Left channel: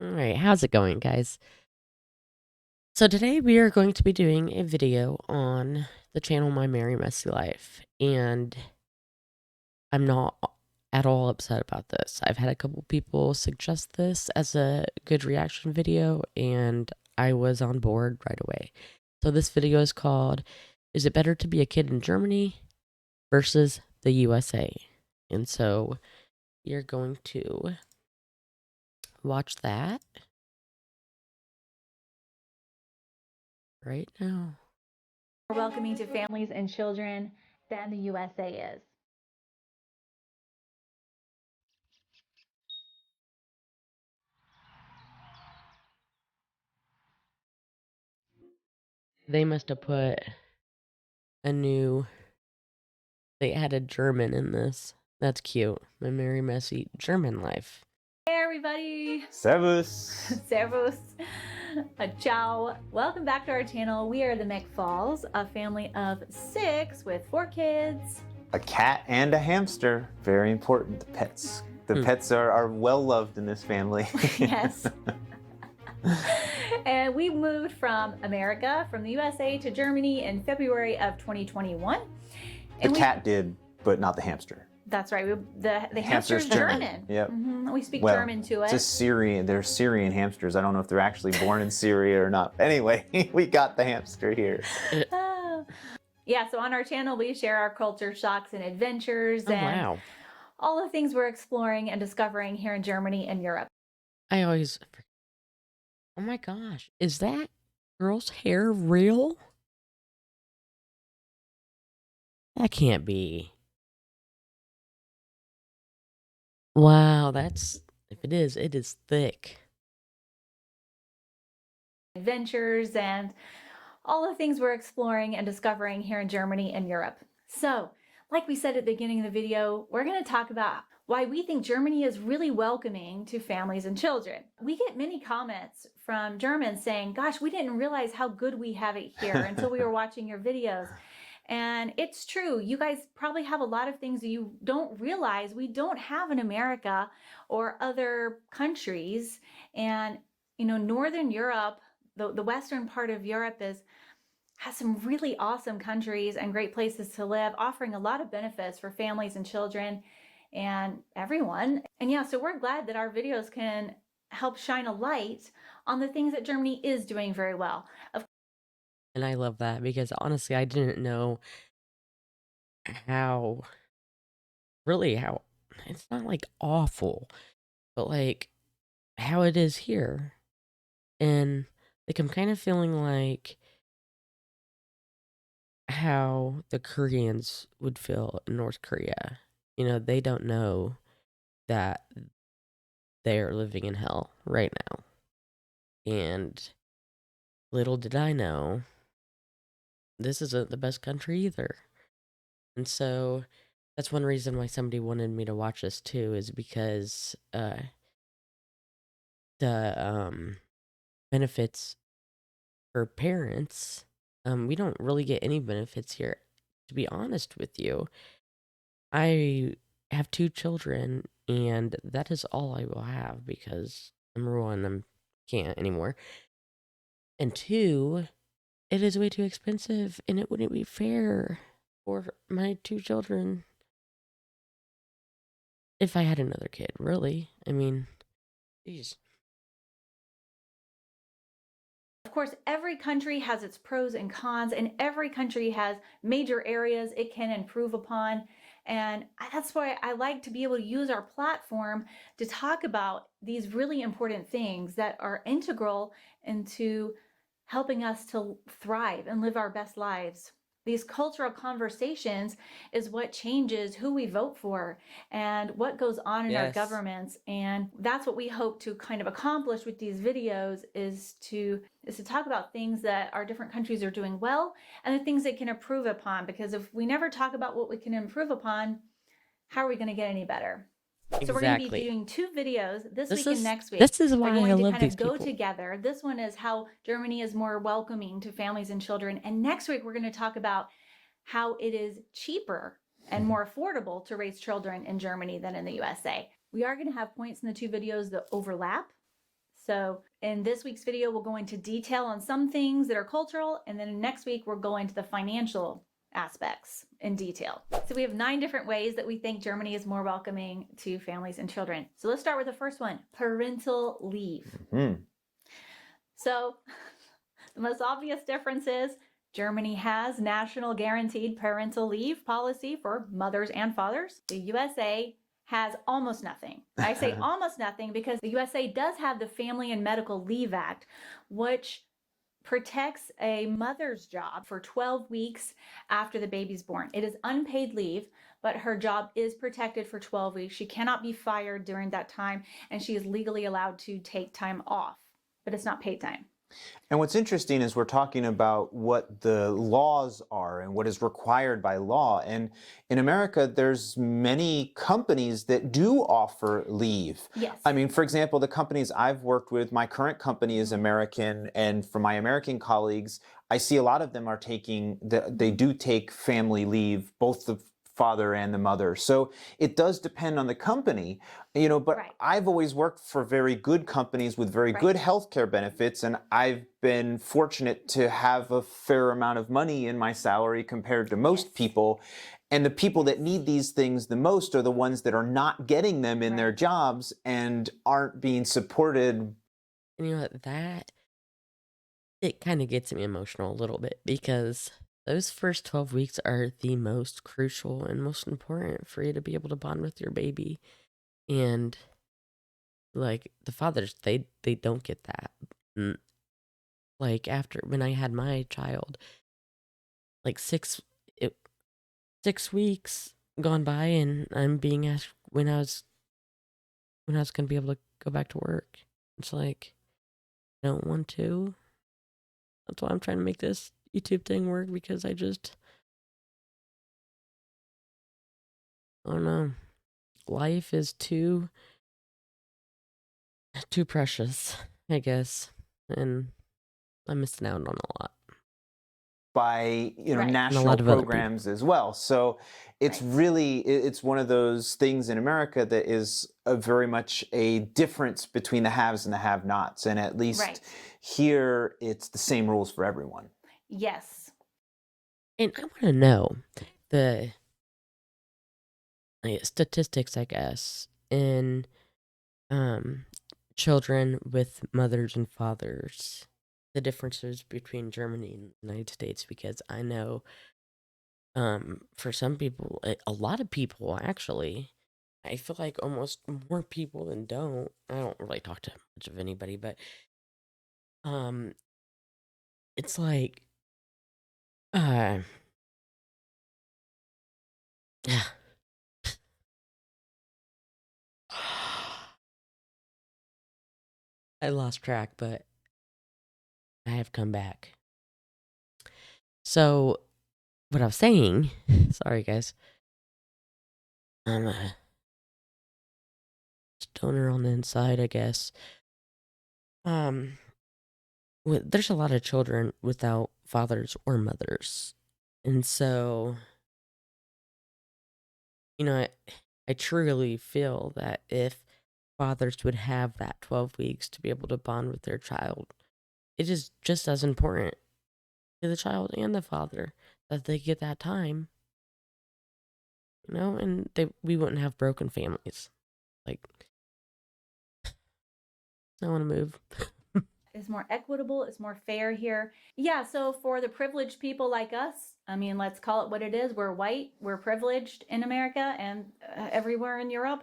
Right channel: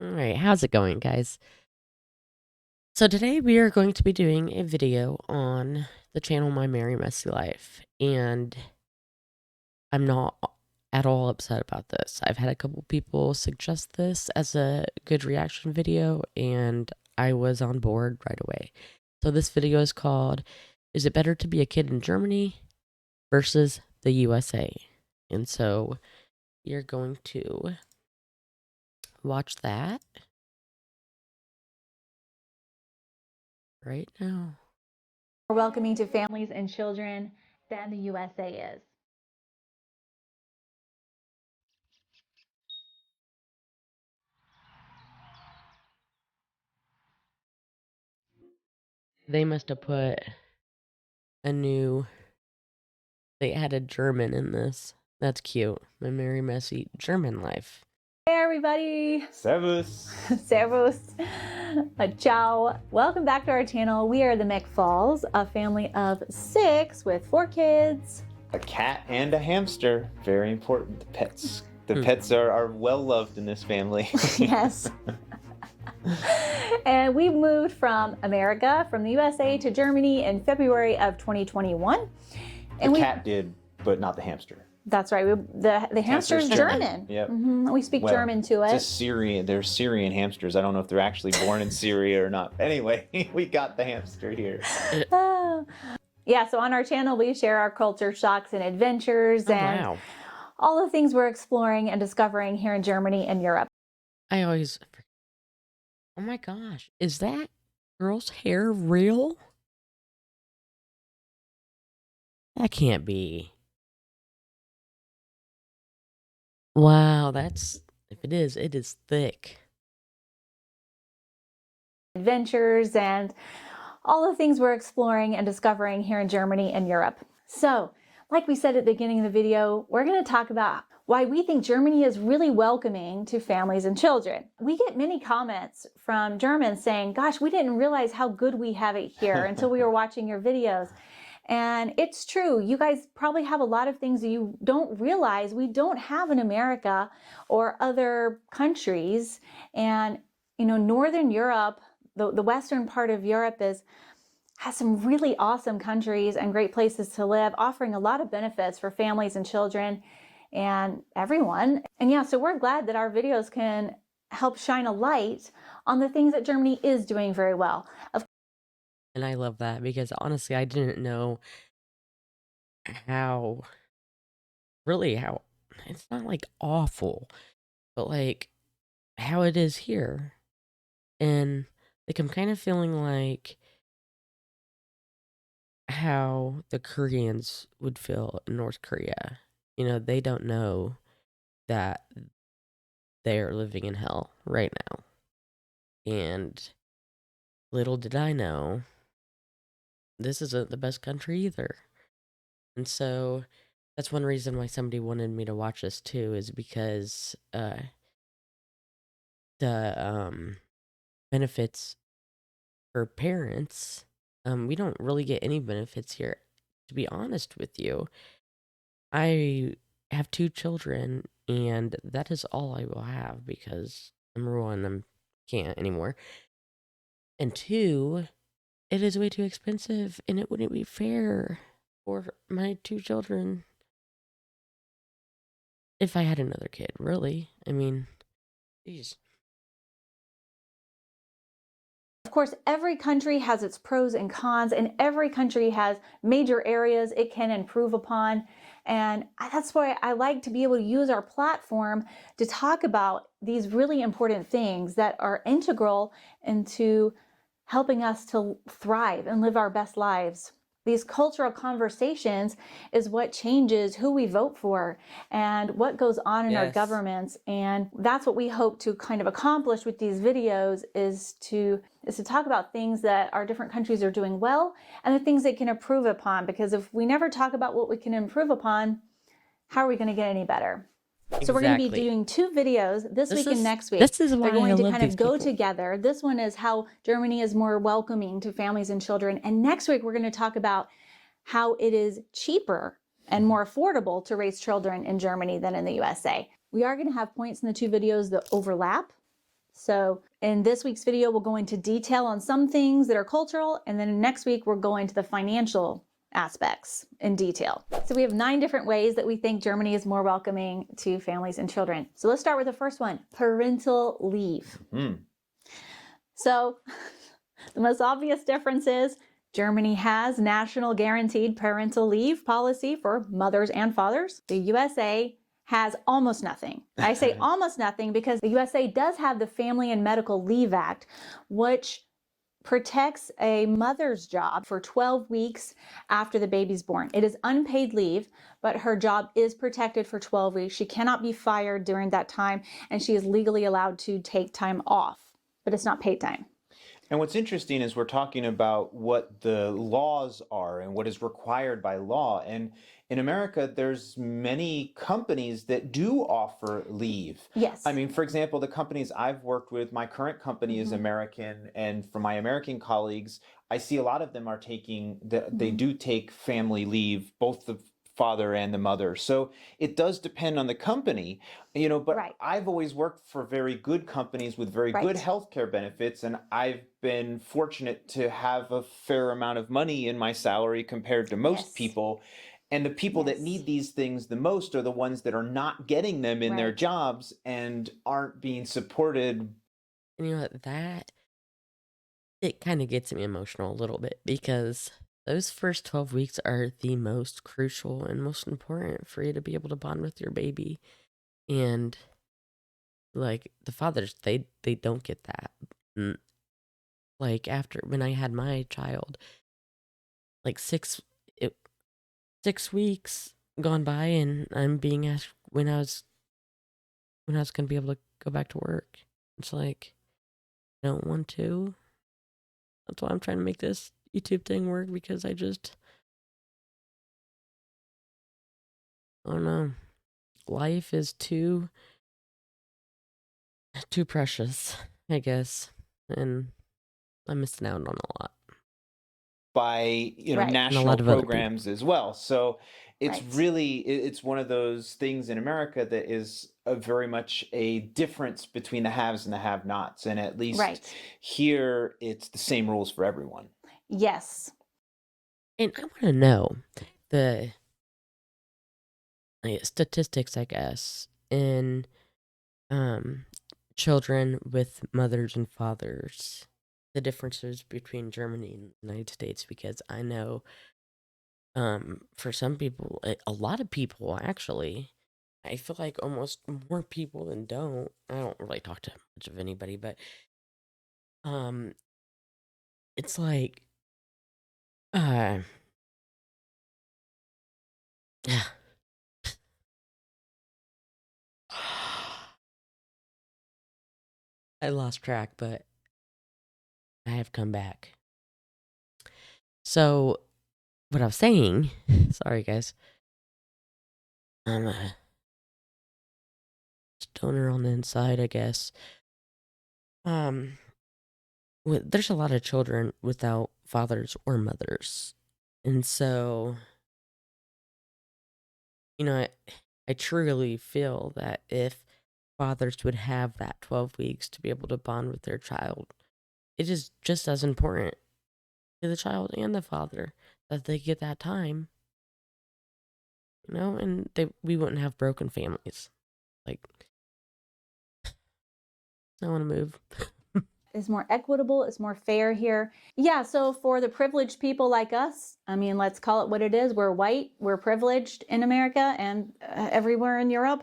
All right, how's it going, guys? So today we are going to be doing a video on the channel My Merry Messy Life, and I'm not at all upset about this. I've had a couple people suggest this as a good reaction video, and I was on board right away. So this video is called, Is It Better to Be a Kid in Germany versus the USA? And so you're going to watch that right now. More welcoming to families and children than the USA is. They must have put they added German in this. That's cute. My Merry Messy German Life. Hey everybody! Servus! Servus! Ciao! Welcome back to our channel. We are the McFalls, a family of 6 with 4 kids. A cat and a hamster. Very important. The pets. The pets are well loved in this family. Yes. And we moved from America, from the USA to Germany in February of 2021. And the cat did, but not the hamster. That's right. The hamster's German. Yep. We speak German to it. It's Syrian. They're Syrian hamsters. I don't know if they're actually born in Syria or not. Anyway, we got the hamster here. Yeah, so on our channel, we share our culture shocks and adventures and all the things we're exploring and discovering here in Germany and Europe. I always... Oh my gosh. Is that girl's hair real? That can't be. Wow, that's... If it is thick. Adventures and all the things we're exploring and discovering here in Germany and Europe. So, like we said at the beginning of the video, we're going to talk about why we think Germany is really welcoming to families and children. We get many comments from Germans saying, gosh, we didn't realize how good we have it here until we were watching your videos. And it's true. You guys probably have a lot of things that you don't realize we don't have in America or other countries. And, you know, Northern Europe, the western part of Europe has some really awesome countries and great places to live, offering a lot of benefits for families and children and everyone. And yeah, so we're glad that our videos can help shine a light on the things that Germany is doing very well. And I love that because honestly, I didn't know how it's not like awful, but like how it is here. And like I'm kind of feeling like how the Koreans would feel in North Korea. You know, they don't know that they are living in hell right now. And little did I know, this isn't the best country either. And so that's one reason why somebody wanted me to watch this too, is because the benefits for parents, we don't really get any benefits here. To be honest with you, I have 2 children, and that is all I will have because number 1, I can't anymore. And 2, it is way too expensive, and it wouldn't be fair for my 2 children if I had another kid, really. I mean, geez. Of course, every country has its pros and cons, and every country has major areas it can improve upon. And that's why I like to be able to use our platform to talk about these really important things that are integral into helping us to thrive and live our best lives. These cultural conversations is what changes who we vote for and what goes on in our governments. And that's what we hope to kind of accomplish with these videos is to talk about things that our different countries are doing well and the things they can improve upon. Because if we never talk about what we can improve upon, how are we going to get any better? So we're going to be doing 2 videos this week and next week. This is why I love kind these of go people. together. This one is how Germany is more welcoming to families and children. And next week, we're going to talk about how it is cheaper and more affordable to raise children in Germany than in the USA. We are going to have points in the 2 videos that overlap. So in this week's video, we'll go into detail on some things that are cultural, and then next week we'll go into the financial aspects in detail. So we have 9 different ways that we think Germany is more welcoming to families and children. So let's start with the first one, parental leave. So the most obvious difference is Germany has national guaranteed parental leave policy for mothers and fathers. The USA has almost nothing. I say almost nothing because the USA does have the Family and Medical Leave Act, which protects a mother's job for 12 weeks after the baby's born. It is unpaid leave, but her job is protected for 12 weeks. She cannot be fired during that time, and she is legally allowed to take time off, but it's not paid time. And what's interesting is we're talking about what the laws are and what is required by law. And in America, there's many companies that do offer leave. Yes. I mean, for example, the companies I've worked with, my current company is American, and for my American colleagues, I see a lot of them are taking, they do take family leave, both the father and the mother. So it does depend on the company, but Right. I've always worked for very good companies with very good healthcare benefits, and I've been fortunate to have a fair amount of money in my salary compared to most people. And the people that need these things the most are the ones that are not getting them in their jobs and aren't being supported. And you know what, it kind of gets me emotional a little bit because those first 12 weeks are the most crucial and most important for you to be able to bond with your baby. And like the fathers, they don't get that. Like after when I had my child, like 6 weeks gone by, and I'm being asked when I was going to be able to go back to work. It's like, I don't want to. That's why I'm trying to make this YouTube thing work, because I don't know. Life is too precious, I guess, and I'm missing out on a lot. By And a national lot of other programs as well. So it's really, it's one of those things in America that is very much a difference between the haves and the have-nots. And at least here, it's the same rules for everyone. Yes. And I want to know the statistics, I guess, in children with mothers and fathers, the differences between Germany and the United States, because I know for some people, a lot of people actually, I feel like almost more people than don't. I don't really talk to much of anybody, but it's like yeah. I lost track, but I have come back. So, what I was saying, sorry guys, I'm a stoner on the inside, I guess. There's a lot of children without fathers or mothers, and so, I truly feel that if fathers would have that 12 weeks to be able to bond with their child, it is just as important to the child and the father that they get that time, and we wouldn't have broken families. Like, I want to move. Is more equitable, it's more fair here. Yeah, so for the privileged people like us, I mean, let's call it what it is. We're white, we're privileged in America and everywhere in Europe.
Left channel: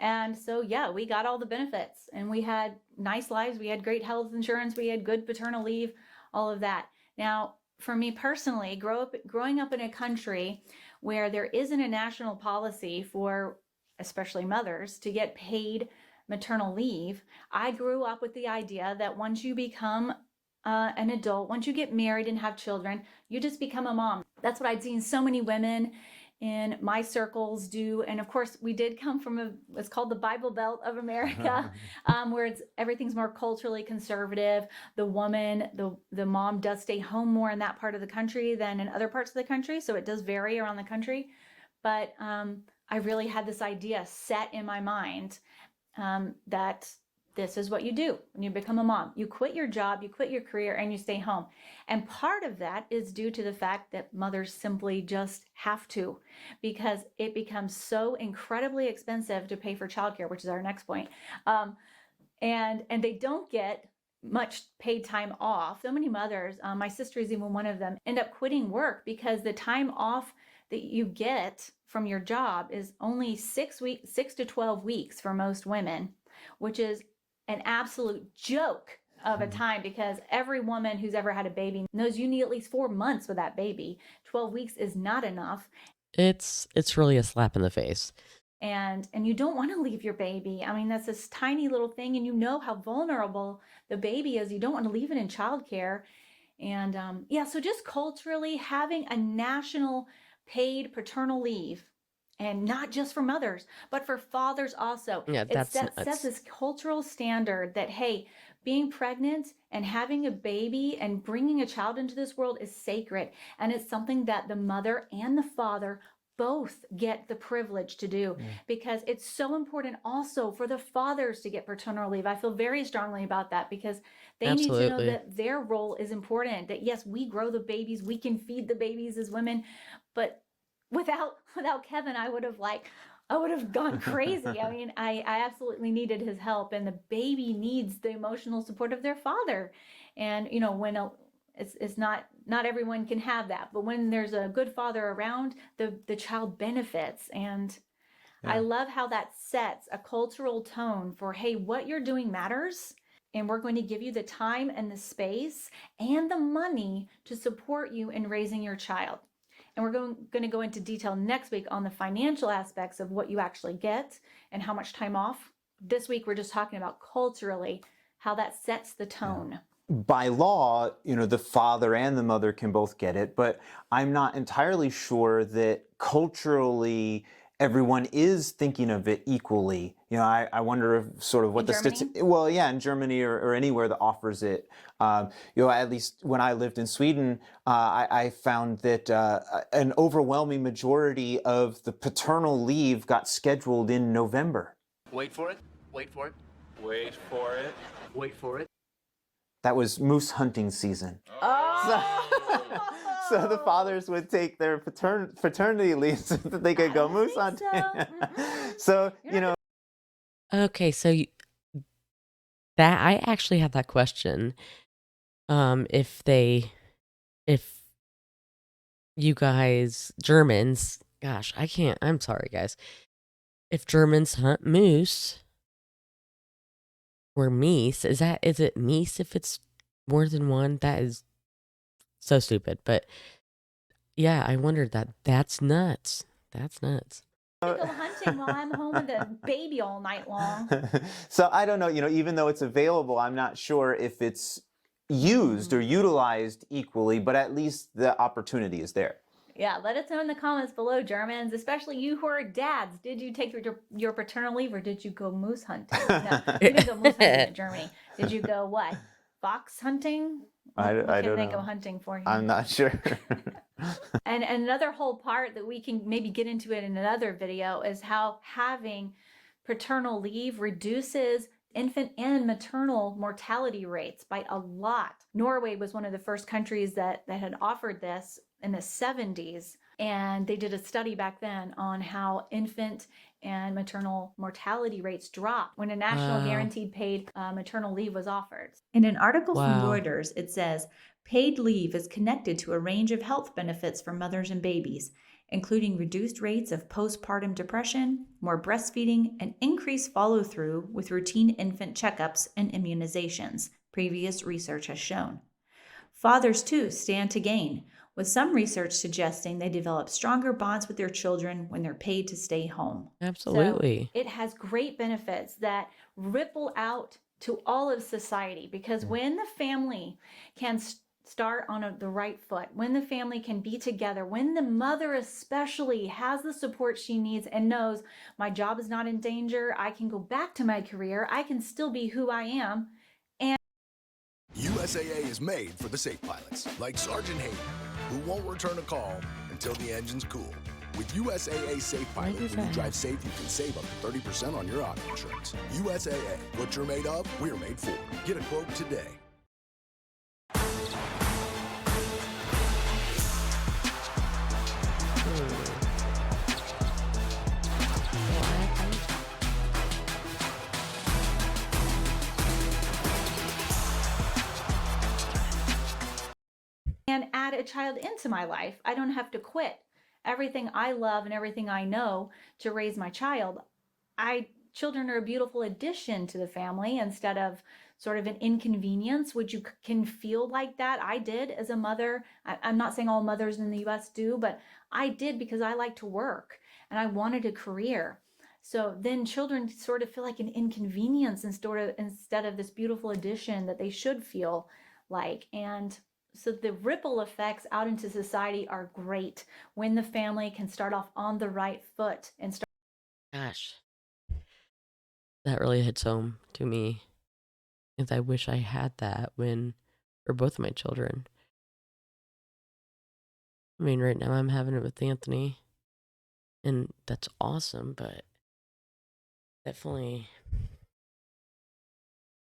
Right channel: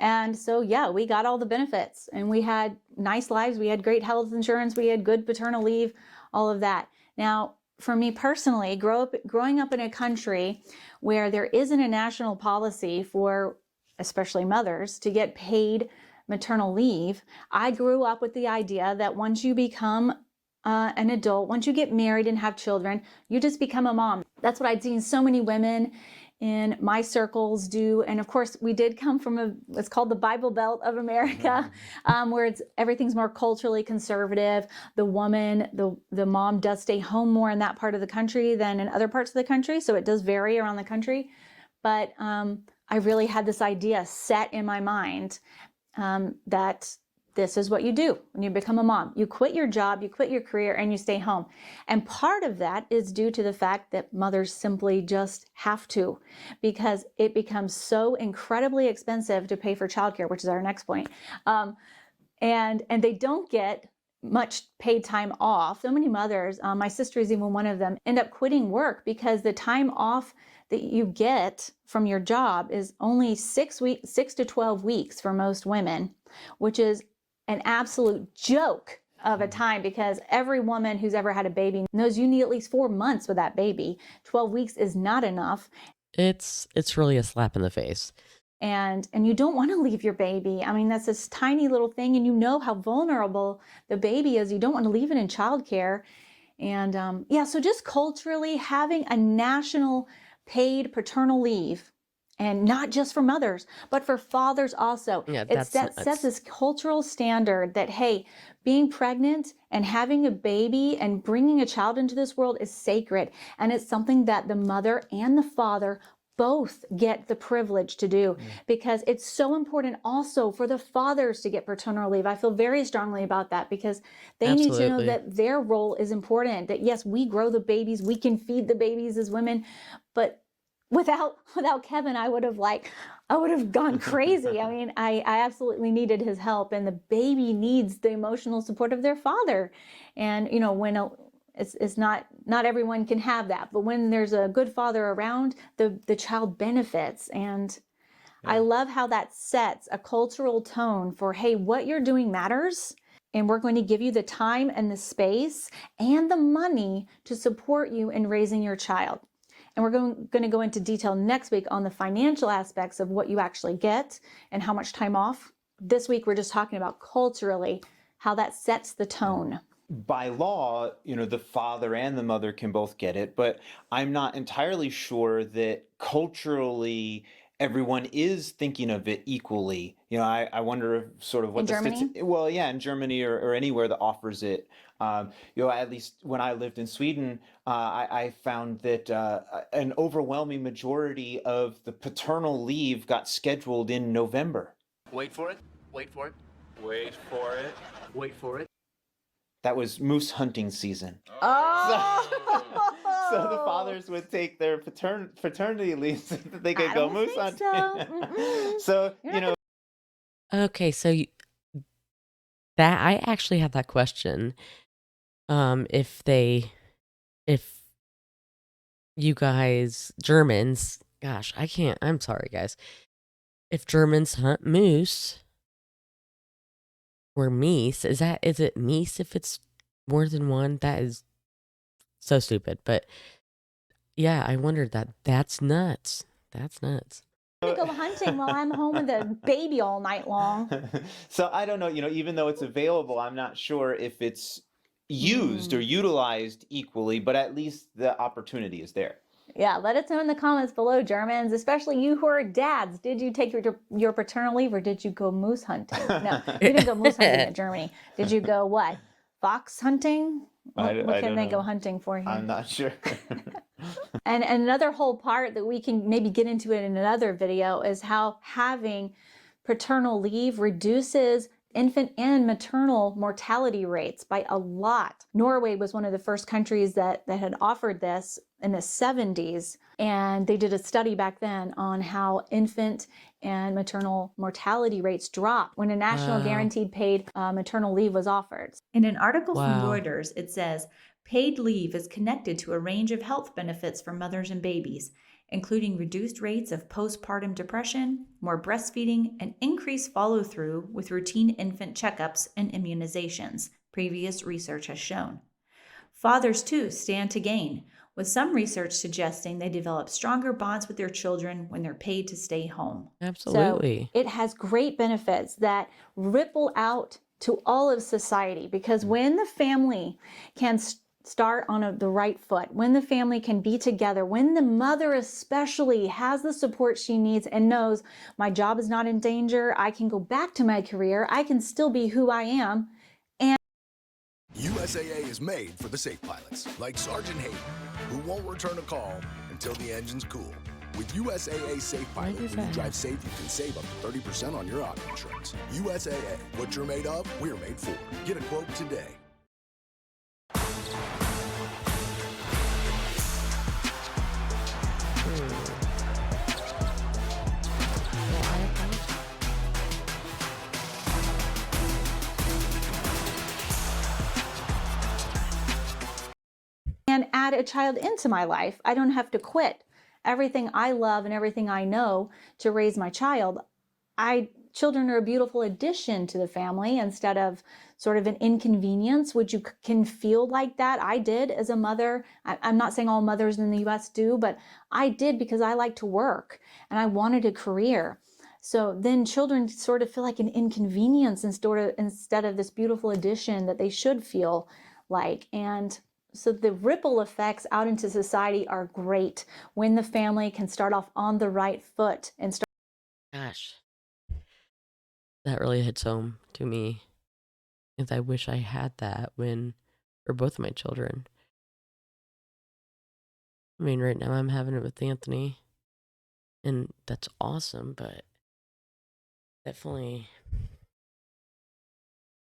And so, yeah, we got all the benefits and we had nice lives. We had great health insurance. We had good paternal leave, all of that. Now, for me personally, growing up in a country where there isn't a national policy for especially mothers to get paid maternal leave, I grew up with the idea that once you become an adult, once you get married and have children, you just become a mom. That's what I'd seen so many women in my circles do. And of course, we did come from what's called the Bible Belt of America, where everything's more culturally conservative. The woman, the mom does stay home more in that part of the country than in other parts of the country. So it does vary around the country. But I really had this idea set in my mind that this is what you do when you become a mom. You quit your job, you quit your career, and you stay home. And part of that is due to the fact that mothers simply just have to, because it becomes so incredibly expensive to pay for childcare, which is our next point. And they don't get much paid time off. So many mothers, my sister is even one of them, end up quitting work because the time off that you get from your job is only 6 to 12 weeks for most women, which is an absolute joke of a time, because every woman who's ever had a baby knows you need at least 4 months with that baby. 12 weeks is not enough. It's really a slap in the face. And you don't want to leave your baby. I mean, that's this tiny little thing, and you know how vulnerable the baby is. You don't want to leave it in childcare. And yeah, so just culturally having a national paid paternal leave, and not just for mothers, but for fathers also. Yeah, It sets this cultural standard that, hey, being pregnant and having a baby and bringing a child into this world is sacred. And it's something that the mother and the father both get the privilege to do, because it's so important also for the fathers to get paternal leave. I feel very strongly about that, because they need to know that their role is important, that yes, we grow the babies, we can feed the babies as women, but without Kevin, I would have gone crazy. I mean, I absolutely needed his help, and the baby needs the emotional support of their father. And you know, when it's not everyone can have that, but when there's a good father around, the child benefits. And I love how that sets a cultural tone for, hey, what you're doing matters, and we're going to give you the time and the space and the money to support you in raising your child. And we're going to go into detail next week on the financial aspects of what you actually get and how much time off. This week, we're just talking about culturally how that sets the tone. By law, you know, the father and the mother can both get it, but I'm not entirely sure that culturally everyone is thinking of it equally. You know, I wonder if sort of what well, yeah, in Germany or anywhere that offers it. You know, at least when I lived in Sweden, I found that an overwhelming majority of the paternal leave got scheduled in November. Wait for it. Wait for it. Wait for it. Wait for it. That was moose hunting season. So the fathers would take their paternity leave so that they could go moose hunting. So, you know. Okay, so that I actually had that question. If you guys, Germans, gosh, I'm sorry, guys. If Germans hunt moose or meese, is it meese if it's more than one? That is so stupid. But yeah, I wondered that. That's nuts. That's nuts. I'm gonna go hunting while I'm home with a baby all night long. So I don't know, you know, even though it's available, I'm not sure if it's used or utilized equally, but at least the opportunity is there. Yeah, let us know in the comments below, Germans, especially you who are dads. Did you take your paternal leave, or did you go moose hunting? No, you didn't go moose hunting in Germany. Did you go what? Fox hunting? What can they go hunting for here? I'm not sure. And another whole part that we can maybe get into it in another video is how having paternal leave reduces infant and maternal mortality rates by a lot. Norway was one of the first countries that had offered this in the 70s, and they did a study back then on how infant and maternal mortality rates dropped when a national guaranteed paid maternal leave was offered. In an article from Reuters, it says, paid leave is connected to a range of health benefits for mothers and babies, including reduced rates of postpartum depression, more breastfeeding, and increased follow-through with routine infant checkups and immunizations, previous research has shown. Fathers, too, stand to gain, with some research suggesting they develop stronger bonds with their children when they're paid to stay home. Absolutely. So it has great benefits that ripple out to all of society, because when the family can start on the right foot, when the family can be together, when the mother especially has the support she needs and knows my job is not in danger, I can go back to my career, I can still be who I am. And USAA is made for the safe pilots, like Sergeant Hayden, who won't return a call until the engine's cool. With USAA Safe Why Pilot, does when you that drive happen? safe, you can save up to 30% on your auto insurance. USAA, what you're made of, we're made for. Get a quote today. Well, I apologize. And add a child into my life. I don't have to quit everything I love and everything I know to raise my child. Children are a beautiful addition to the family instead of sort of an inconvenience, which you can feel like that. I did as a mother. I'm not saying all mothers in the US do, but I did because I like to work and I wanted a career. So then children sort of feel like an inconvenience instead of this beautiful addition that they should feel like. And so the ripple effects out into society are great when the family can start off on the right foot and start. Gosh, that really hits home to me. Because I wish I had that for both of my children. I mean, right now I'm having it with Anthony, and that's awesome, but definitely,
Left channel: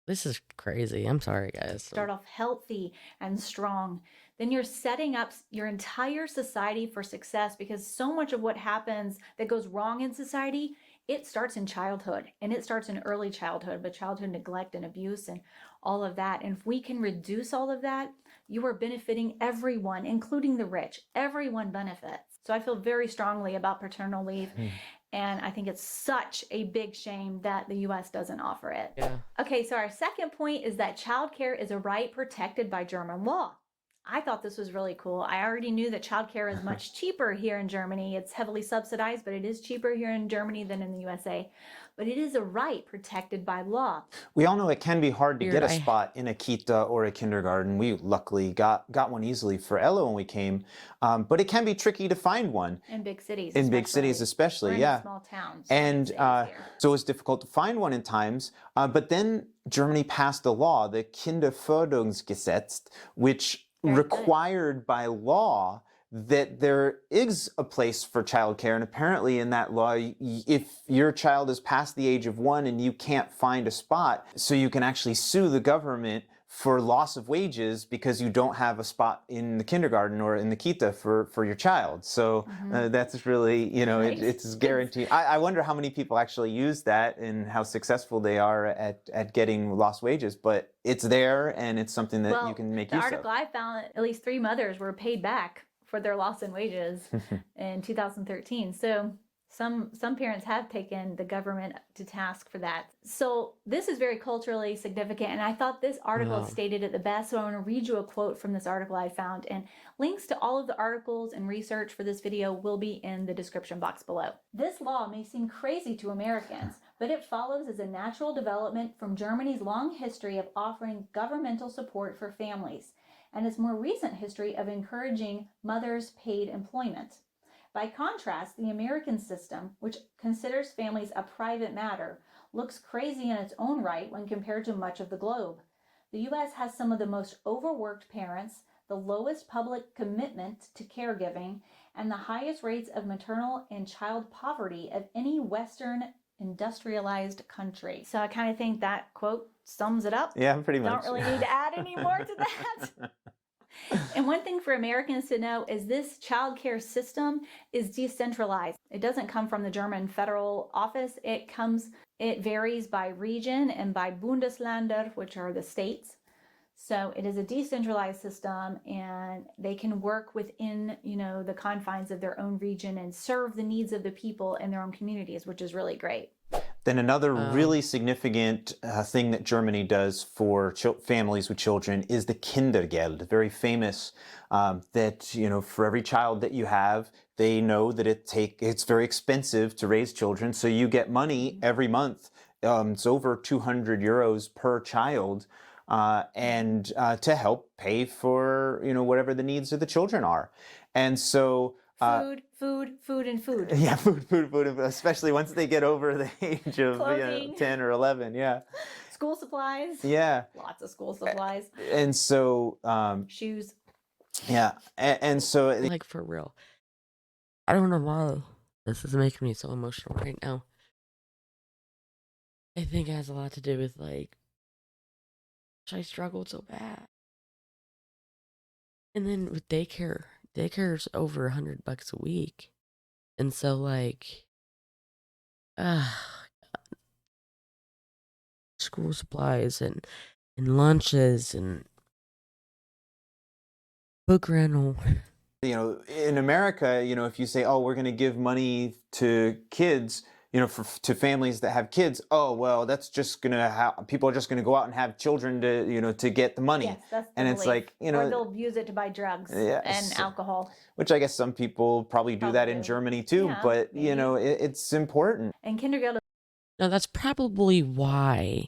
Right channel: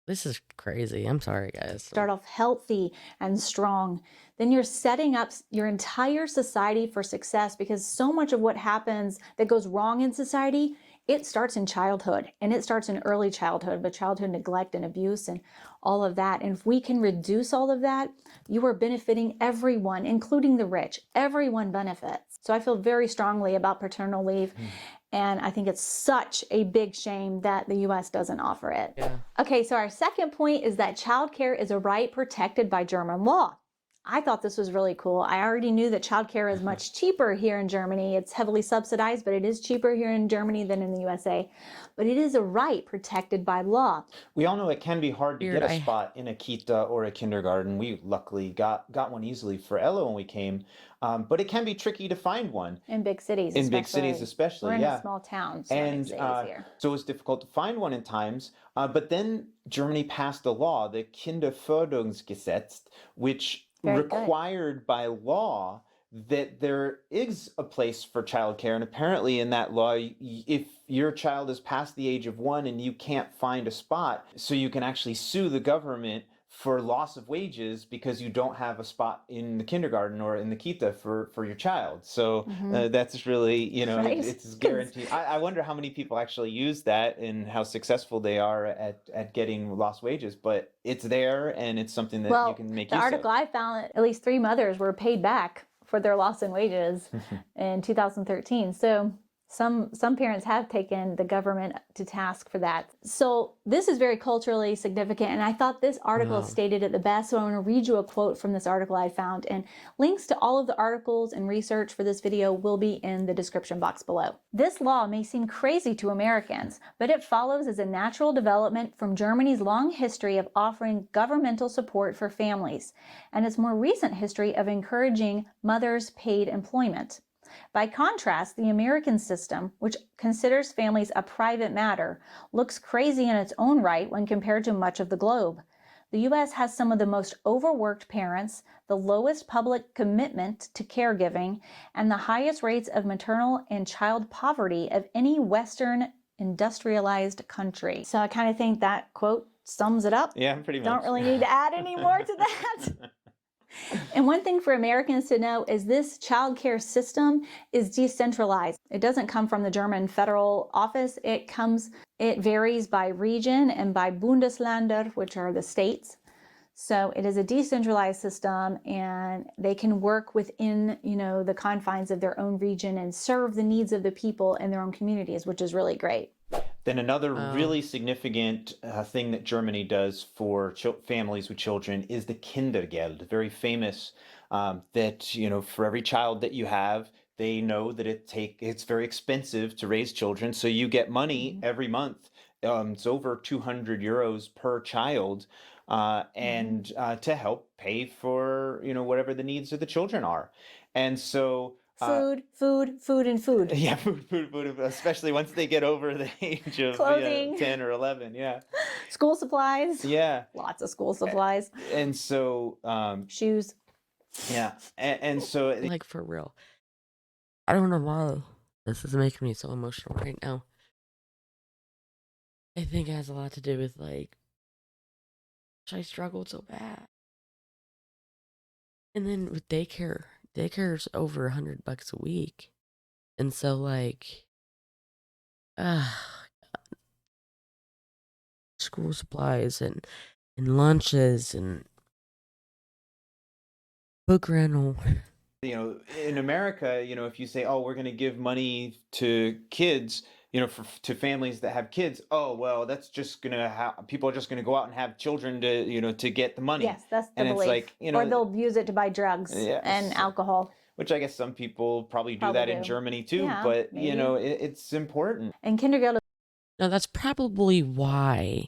this is crazy. I'm sorry, guys. Start off healthy and strong, then you're setting up your entire society for success, because so much of what happens that goes wrong in society, it starts in childhood, and it starts in early childhood, but childhood neglect and abuse and all of that. And if we can reduce all of that, you are benefiting everyone, including the rich. Everyone benefits. So I feel very strongly about paternal leave. And I think it's such a big shame that the US doesn't offer it. Yeah. Okay, so our second point is that childcare is a right protected by German law. I thought this was really cool. I already knew that childcare is much cheaper here in Germany. It's heavily subsidized, but it is cheaper here in Germany than in the USA. But it is a right protected by law. We all know it can be hard to Weird, get a spot in a kita or a kindergarten. We luckily got one easily for Ella when we came, but it can be tricky to find one. In big cities, In big cities especially, or in yeah. a small towns. And so it's difficult to find one in times. But then Germany passed a law, the Kinderförderungsgesetz, which required by law that there is a place for childcare. And apparently in that law, if your child is past the age of 1 and you can't find a spot, so you can actually sue the government for loss of wages because you don't have a spot in the kindergarten or in the kita for your child. So that's really, it's guaranteed. I wonder how many people actually use that and how successful they are at getting lost wages, but it's there and it's something that you can make use of. The article I found, at least 3 mothers were paid back for their loss in wages in 2013. So some parents have taken the government to task for that. So this is very culturally significant, and I thought this article stated it the best. So I want to read you a quote from this article I found, and links to all of the articles and research for this video will be in the description box below. This law may seem crazy to Americans, but it follows as a natural development from Germany's long history of offering governmental support for families, and its more recent history of encouraging mothers' paid employment. By contrast, the American system, which considers families a private matter, looks crazy in its own right when compared to much of the globe. The U.S. has some of the most overworked parents, the lowest public commitment to caregiving, and the highest rates of maternal and child poverty of any Western industrialized country. So I kind of think that quote sums it up. Yeah, pretty much. Don't really need to add any more to that. And one thing for Americans to know is this childcare system is decentralized. It doesn't come from the German federal office. It varies by region and by Bundesländer, which are the states. So it is a decentralized system, and they can work within, the confines of their own region and serve the needs of the people in their own communities, which is really great. Then another really significant thing that Germany does for families with children is the Kindergeld, very famous, that, for every child that you have, they know that it's very expensive to raise children. So you get money every month. It's over 200 euros per child, and to help pay for, whatever the needs of the children are. And so food, and food. Yeah, food, especially once they get over the age of 10 or 11, yeah. School supplies. Yeah. Lots of school supplies. And so... shoes. Yeah, and so... Like, for real. I don't know why this is making me so emotional right now. I think it has a lot to do with like I struggled so bad. And then with daycare's over $100 a week. And so like uh school supplies and lunches and book rental. In America, if you say, "Oh, we're going to give money to kids," to families that have kids, oh, well, that's just going to have people are just going to go out and have children to get the money. Yes, that's the And belief. it's like, or they'll use it to buy drugs and alcohol. Which I guess some people probably do that in Germany too, Yeah, but maybe. it's important. And kindergarten. Now that's probably why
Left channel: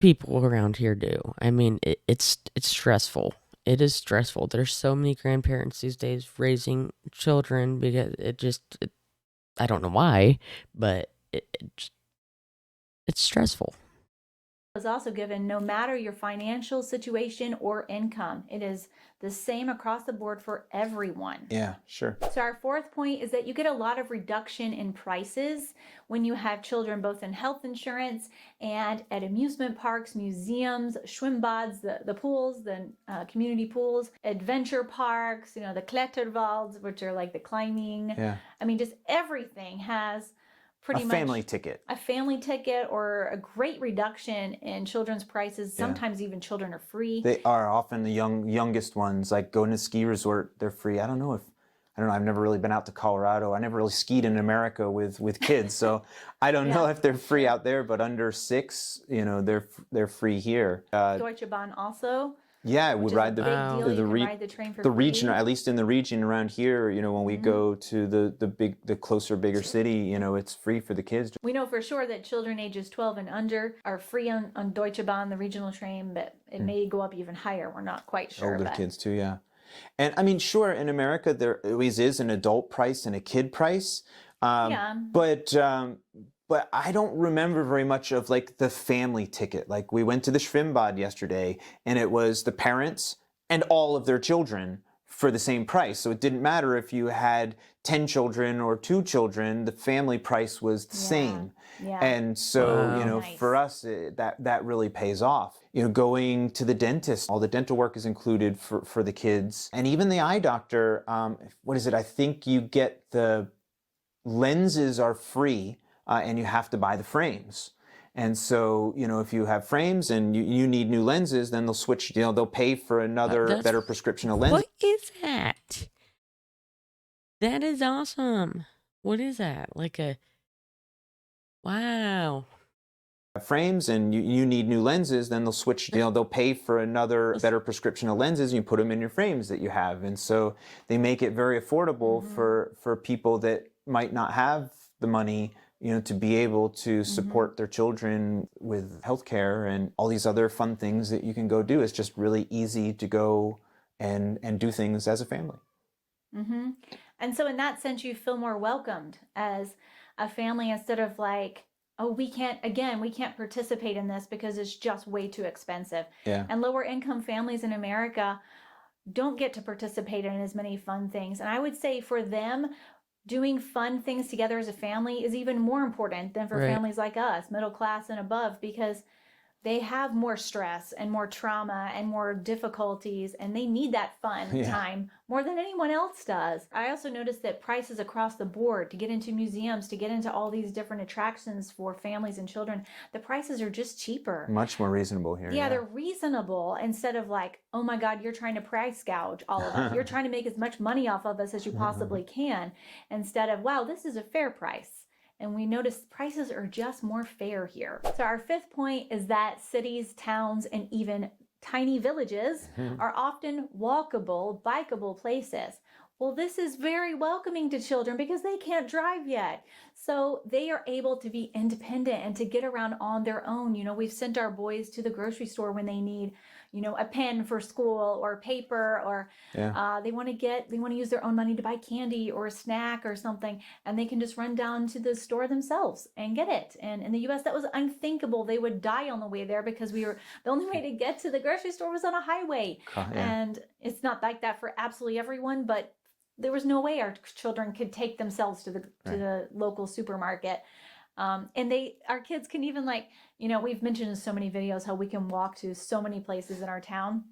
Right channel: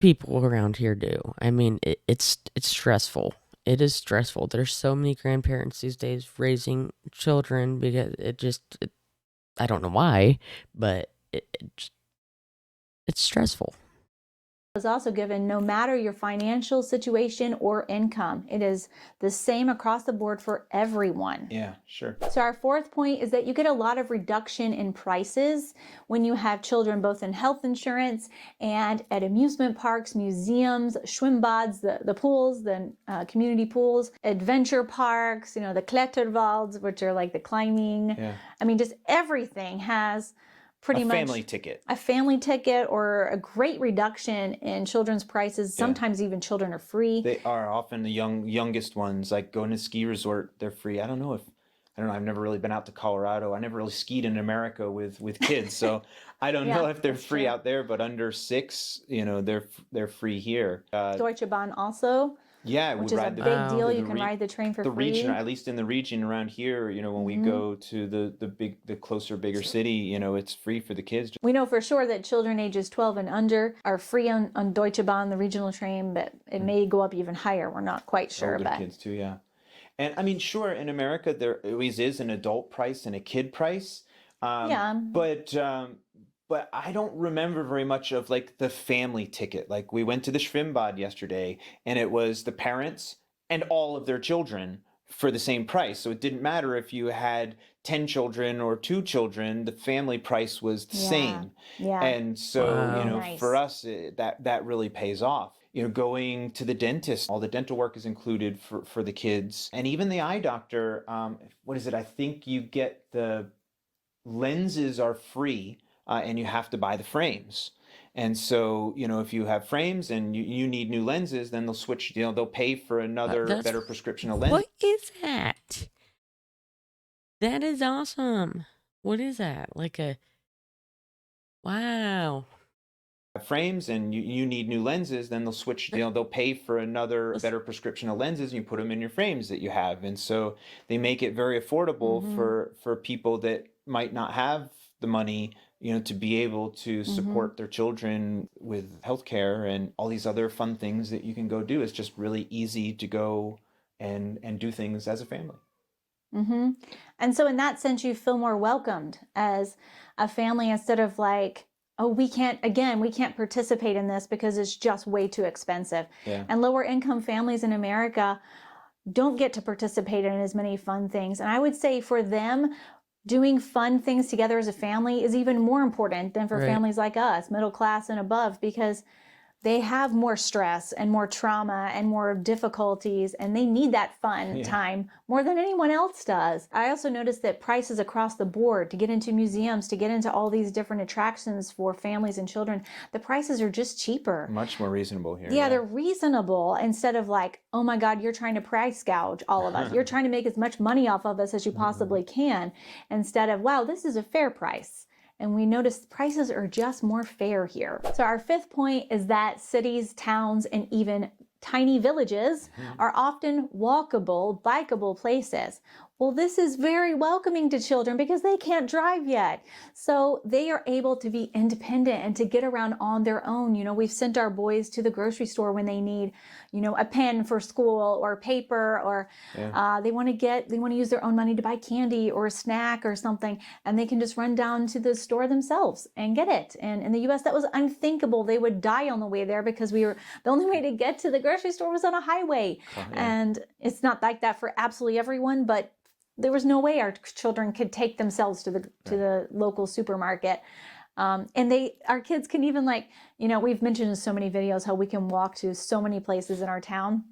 people around here do. I mean, it's stressful. It is stressful. There's so many grandparents these days raising children because I don't know why, but it's stressful. Is also given no matter your financial situation or income. It is the same across the board for everyone. Yeah, sure. So our fourth point is that you get a lot of reduction in prices when you have children, both in health insurance and at amusement parks, museums, schwimmbads, the pools, the community pools, adventure parks, the Kletterwalds, which are like the climbing. Yeah. I mean, just everything has pretty much a family ticket or a great reduction in children's prices. Sometimes even children are free. They are often the youngest ones, like going to ski resort, they're free. I don't know. I've never really been out to Colorado. I never really skied in America with kids, so I don't know if they're free out there. But under 6, they're free here. Deutsche Bahn also. Yeah, we ride the big deal. You can ride the train for free. Region, at least in the region around here, when we go to the closer, bigger city, it's free for the kids. We know for sure that children ages 12 and under are free on Deutsche Bahn, the regional train, but it may go up even higher. We're not quite sure. Older kids too, yeah. And I mean, sure, in America there always is an adult price and a kid price. But I don't remember very much of like the family ticket. Like we went to the Schwimmbad yesterday and it was the parents and all of their children for the same price. So it didn't matter if you had 10 children or 2 children, the family price was the same. Yeah. And so, for us, that really pays off. Going to the dentist, all the dental work is included for the kids. And even the eye doctor, what is it? I think you get the lenses are free. And you have to buy the frames. And so, if you have frames and you need new lenses, then they'll switch, they'll pay for another better prescription of lenses. What is that? That is awesome. What is that? Wow. Frames and you need new lenses, then they'll switch, they'll pay for another better prescription of lenses and you put them in your frames that you have. And so they make it very affordable for people that might not have the money to be able to support their children with healthcare and all these other fun things that you can go do. It's just really easy to go and do things as a family. And so in that sense, you feel more welcomed as a family instead of like, oh, we can't participate in this because it's just way too expensive. Yeah. And lower income families in America don't get to participate in as many fun things. And I would say for them, doing fun things together as a family is even more important than for families like us, middle class and above, because they have more stress and more trauma and more difficulties, and they need that fun time more than anyone else does. I also noticed that prices across the board to get into museums, to get into all these different attractions for families and children, the prices are just cheaper. Much more reasonable here. Yeah, they're reasonable instead of like, oh my God, you're trying to price gouge all of us. You're trying to make as much money off of us as you possibly can, instead of, wow, this is a fair price. And we notice prices are just more fair here. So our fifth point is that cities, towns, and even tiny villages are often walkable, bikeable places. Well, this is very welcoming to children because they can't drive yet. So they are able to be independent and to get around on their own. We've sent our boys to the grocery store when they need, a pen for school or paper, or they want to use their own money to buy candy or a snack or something, and they can just run down to the store themselves and get it. And in the US, that was unthinkable. They would die on the way there because the only way to get to the grocery store was on a highway. And it's not like that for absolutely everyone, but there was no way our children could take themselves to the local supermarket. And our kids can even, like, you know, we've mentioned in so many videos how we can walk to so many places in our town.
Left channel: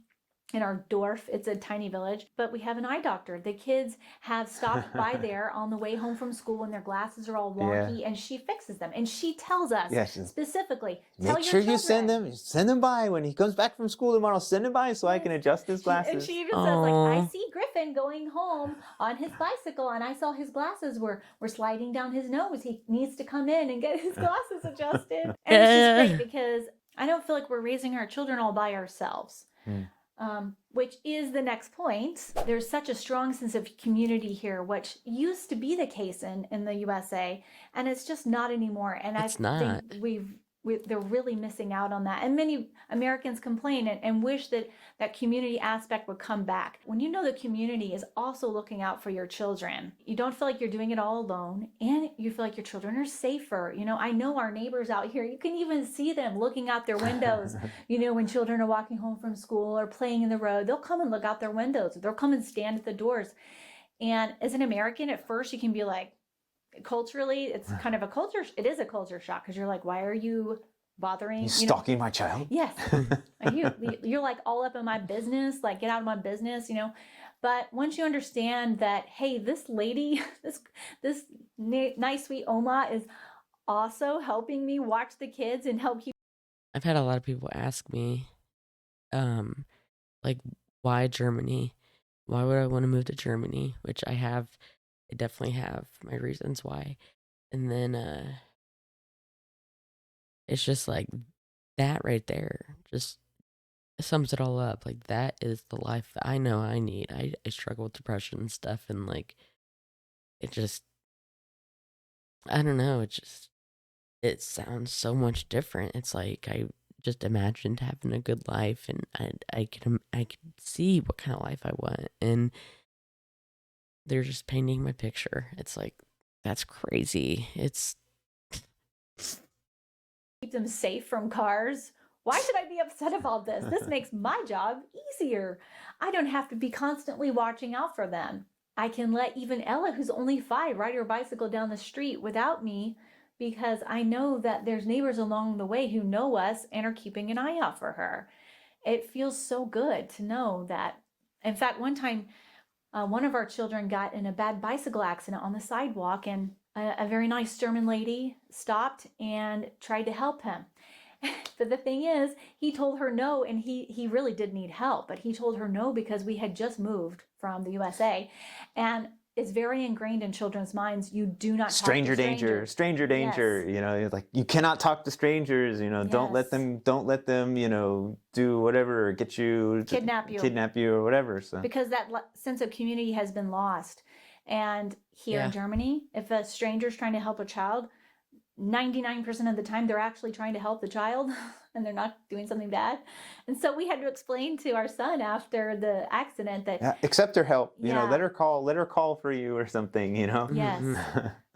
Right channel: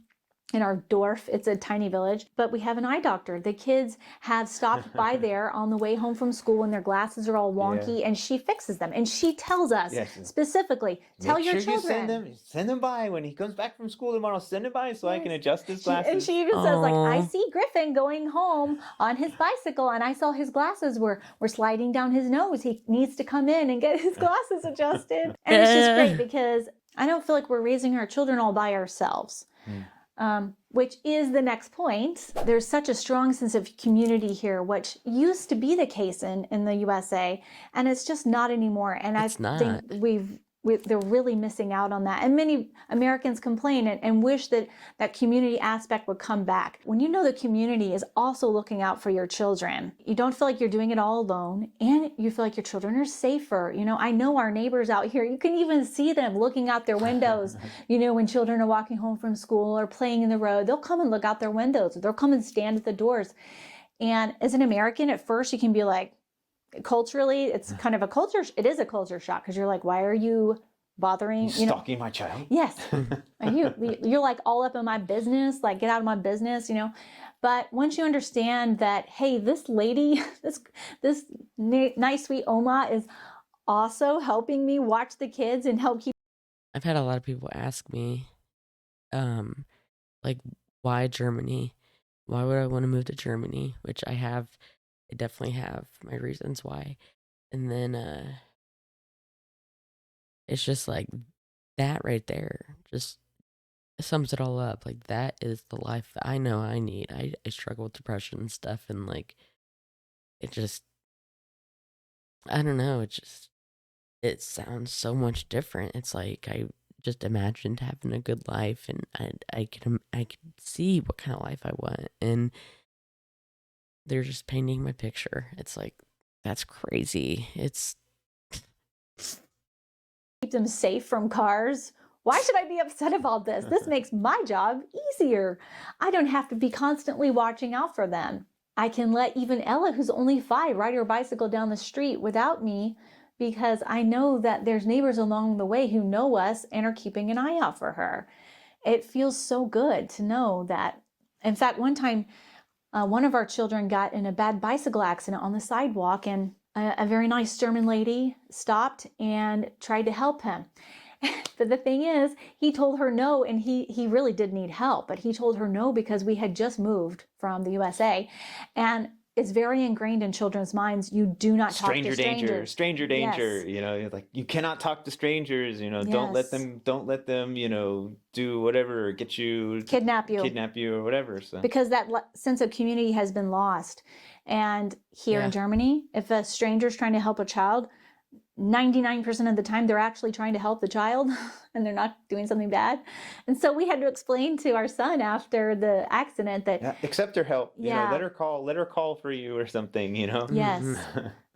In our Dorf, it's a tiny village, but we have an eye doctor. The kids have stopped by there on the way home from school and their glasses are all wonky, and she fixes them. And she tells us specifically, tell make your sure children. you send them by when he comes back from school tomorrow. Send him by so I can adjust his glasses. And she even says, like, I see Griffin going home on his bicycle, and I saw his glasses were sliding down his nose. He needs to come in and get his glasses adjusted. And it's just great because I don't feel like we're raising our children all by ourselves. Which is the next point. There's such a strong sense of community here, which used to be the case in the USA, and it's just not anymore. And I think they're really missing out on that. And many Americans complain and wish that that community aspect would come back. When you know the community is also looking out for your children, you don't feel like you're doing it all alone, and you feel like your children are safer. You know, I know our neighbors out here, you can even see them looking out their windows. You know, when children are walking home from school or playing in the road, they'll come and look out their windows. They'll come and stand at the doors. And as an American, at first you can be like, culturally, it's kind of it is a culture shock, because you're like, why are you bothering, stalking my child? Yes. You're like all up in my business, like, get out of my business, you know. But once you understand that, hey, this lady, this nice sweet Oma is also helping me watch the kids and help keep. I've had a lot of people ask me, like, why Germany? Why would I want to move to Germany? Which I definitely have my reasons why. And then it's just like that right there just sums it all up. Like, that is the life that I know I need. I struggle with depression and stuff, and like, it just, I don't know, it sounds so much different. It's like I just imagined having a good life, and I can see what kind of life I want, and they're just painting my picture. It's like, that's crazy. It's Keep them safe from cars. Why should I be upset about this? This makes my job easier. I don't have to be constantly watching out for them. I can let even Ella, who's only 5, ride her bicycle down the street without me, because I know that there's neighbors along the way who know us and are keeping an eye out for her. It feels so good to know that. In fact, one time, one of our children got in a bad bicycle accident on the sidewalk, and a very nice German lady stopped and tried to help him. But the thing is, he told her no, and he really did need help, but he told her no because we had just moved from the USA, and it's very ingrained in children's minds. You do not talk to strangers. Stranger danger. Yes. You know, like, you cannot talk to strangers. You know, yes. Don't let them. You know, do whatever, or get you, kidnap you, or whatever. So because that sense of community has been lost, and here in Germany, if a stranger's trying to help a child, 99% of the time they're actually trying to help the child and they're not doing something bad. And so we had to explain to our son after the accident that accept her help, you know, let her call for you or something, you know. Yes.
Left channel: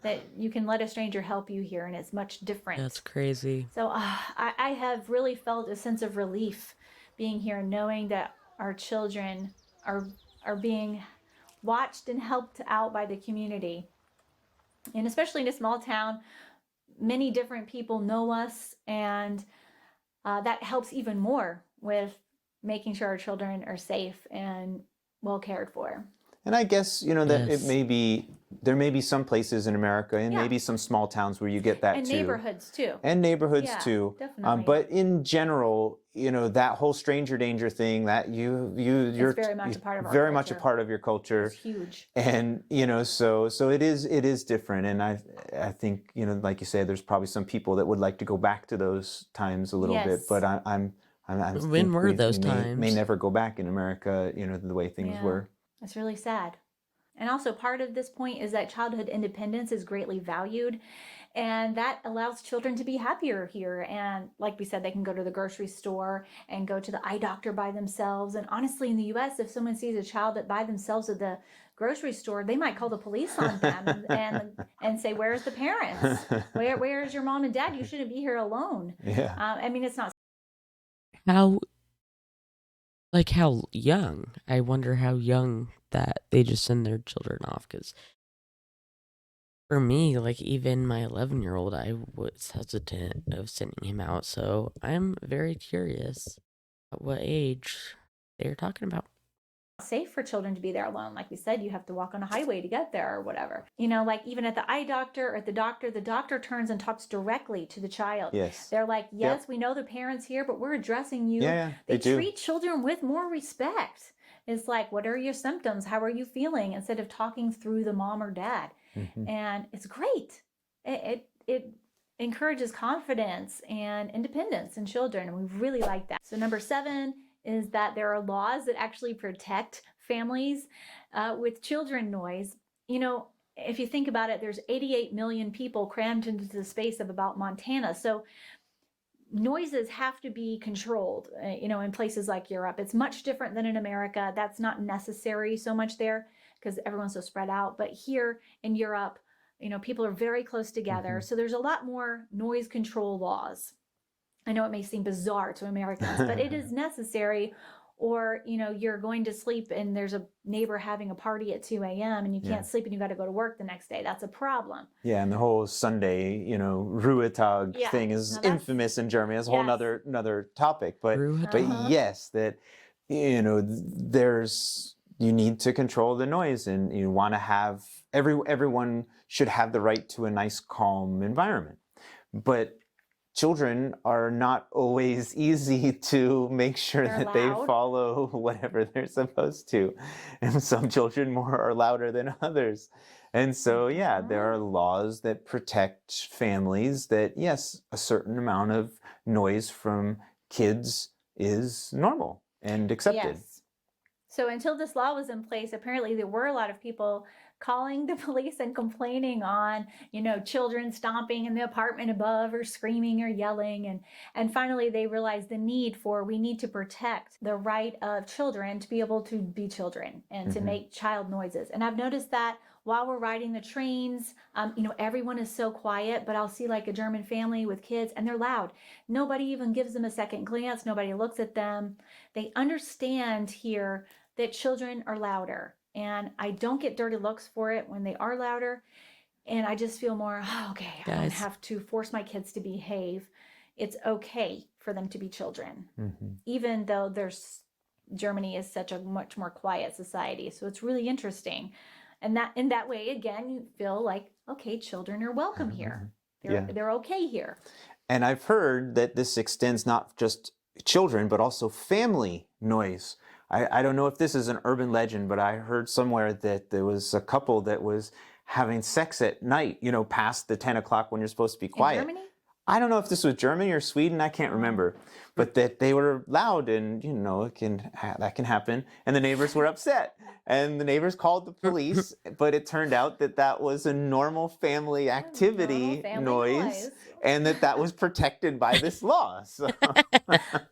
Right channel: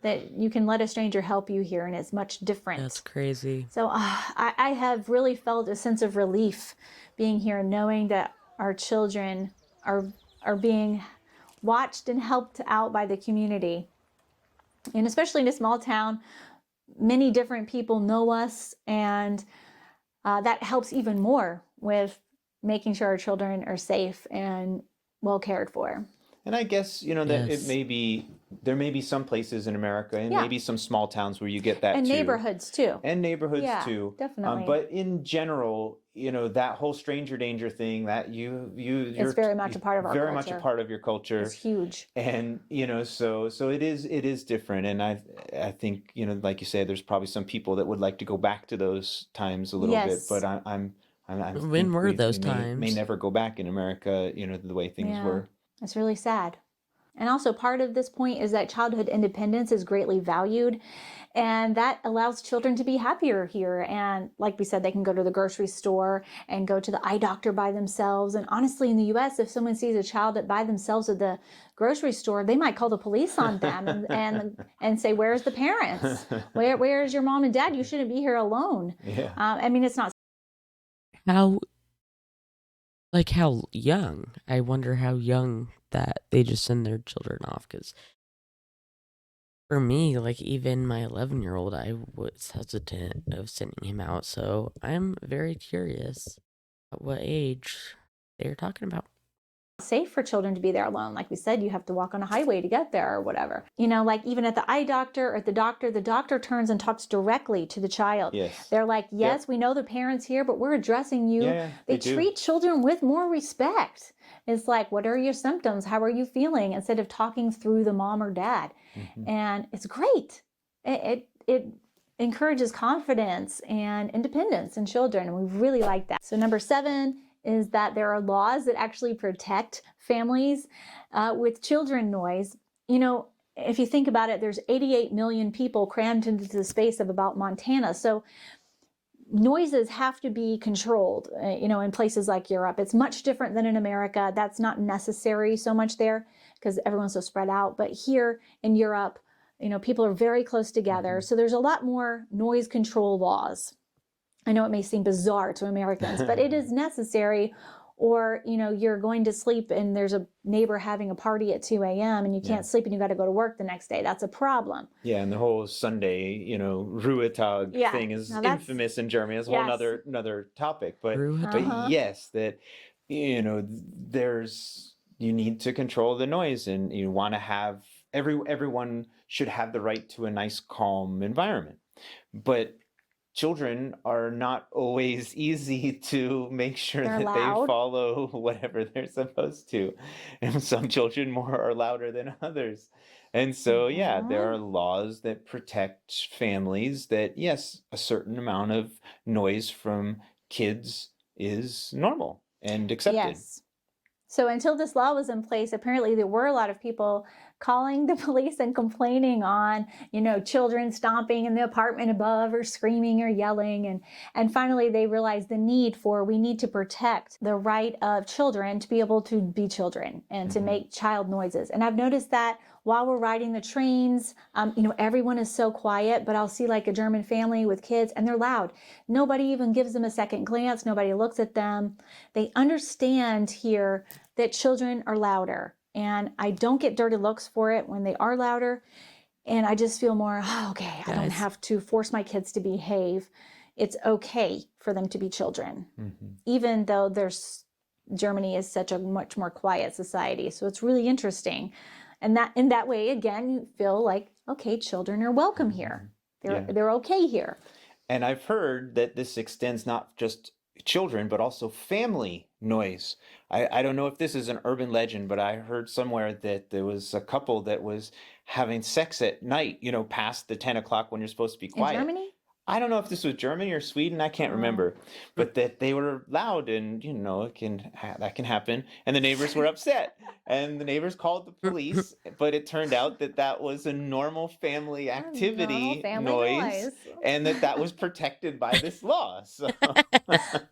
That you can let a stranger help you here, and it's much different. That's crazy. So I have really felt a sense of relief being here, knowing that our children are being watched and helped out by the community. And especially in a small town, many different people know us, and that helps even more with making sure our children are safe and well cared for. And I guess, you know, that there may be some places in America, and maybe some small towns where you get that and too. Neighborhoods too. And neighborhoods too. Definitely. But in general, you know, that whole stranger danger thing, that you're very much a part of our very culture. Much a part of your culture. It's huge. And, you know, so it is different. And I think, you know, like you said, there's probably some people that would like to go back to those times a little bit, but I'm when were those times? May never go back in America, you know, the way things were. It's really sad. And also part of this point is that childhood independence is greatly valued, and that allows children to be happier here. And like we said, they can go to the grocery store and go to the eye doctor by themselves. And honestly, in the US, if someone sees a child by themselves at the grocery store, they might call the police on them and say, where's the parents? Where's your mom and dad? You shouldn't be here alone. Yeah. I mean, it's not. How young? I wonder how young that they just send their children off. Because for me, like even my 11-year-old, I was hesitant of sending him out. So I'm very curious at what age they're talking about. Safe for children to be there alone. Like we said, you have to walk on a highway to get there or whatever. You know, like even at the eye doctor or at the doctor turns and talks directly to the child. Yes. They're like, yes, we know the parents here, but we're addressing you. Yeah, they do. treat children with more respect. It's like, what are your symptoms? How are you feeling? Instead of talking through the mom or dad. And it's great. It encourages confidence and independence in children. And we really like that. So number 7 is that there are laws that actually protect families with children noise. You know, if you think about it, there's 88 million people crammed into the space of about Montana. So noises have to be controlled, you know, in places like Europe. It's much different than in America. That's not necessary so much there because everyone's so spread out. But here in Europe, you know, people are very close together. So there's a lot more noise control laws. I know it may seem bizarre to Americans, but it is necessary. Or, you know, you're going to sleep and there's a neighbor having a party at 2 a.m. and you can't sleep and you got to go to work the next day. That's a problem. Yeah, and the whole Sunday, you know, Ruhetag thing is infamous in Germany. That's a whole another topipic. But yes, that, you know, you need to control the noise, and you want to have everyone should have the right to a nice, calm environment. But children are not always easy to make sure that they follow whatever they're supposed to. And some children are louder than others. And so, yeah, there are laws that protect families that, yes, a certain amount of noise from kids is normal and accepted. Yes. So until this law was in place, apparently there were a lot of people calling the police and complaining on, you know, children stomping in the apartment above or screaming or yelling. And finally they realized the need we need to protect the right of children to be able to be children and to make child noises. And I've noticed that while we're riding the trains, you know, everyone is so quiet, but I'll see like a German family with kids and they're loud. Nobody even gives them a second glance. Nobody looks at them. They understand here that children are louder. And I don't get dirty looks for it when they are louder. And I just feel more, okay, I don't have to force my kids to behave. It's okay for them to be children, even though Germany is such a much more quiet society. So it's really interesting. And that in that way, again, you feel like, okay, children are welcome here. They're okay here. And I've heard that this extends not just children, but also family noise. I don't know if this is an urban legend, but I heard somewhere that there was a couple that was having sex at night, you know, past the 10 o'clock when you're supposed to be quiet. In Germany? I don't know if this was Germany or Sweden, I can't remember, but that they were loud, and, you know, that can happen. And the neighbors were upset, and the neighbors called the police, but it turned out that was a normal family activity, noise, and that was protected by this law. So.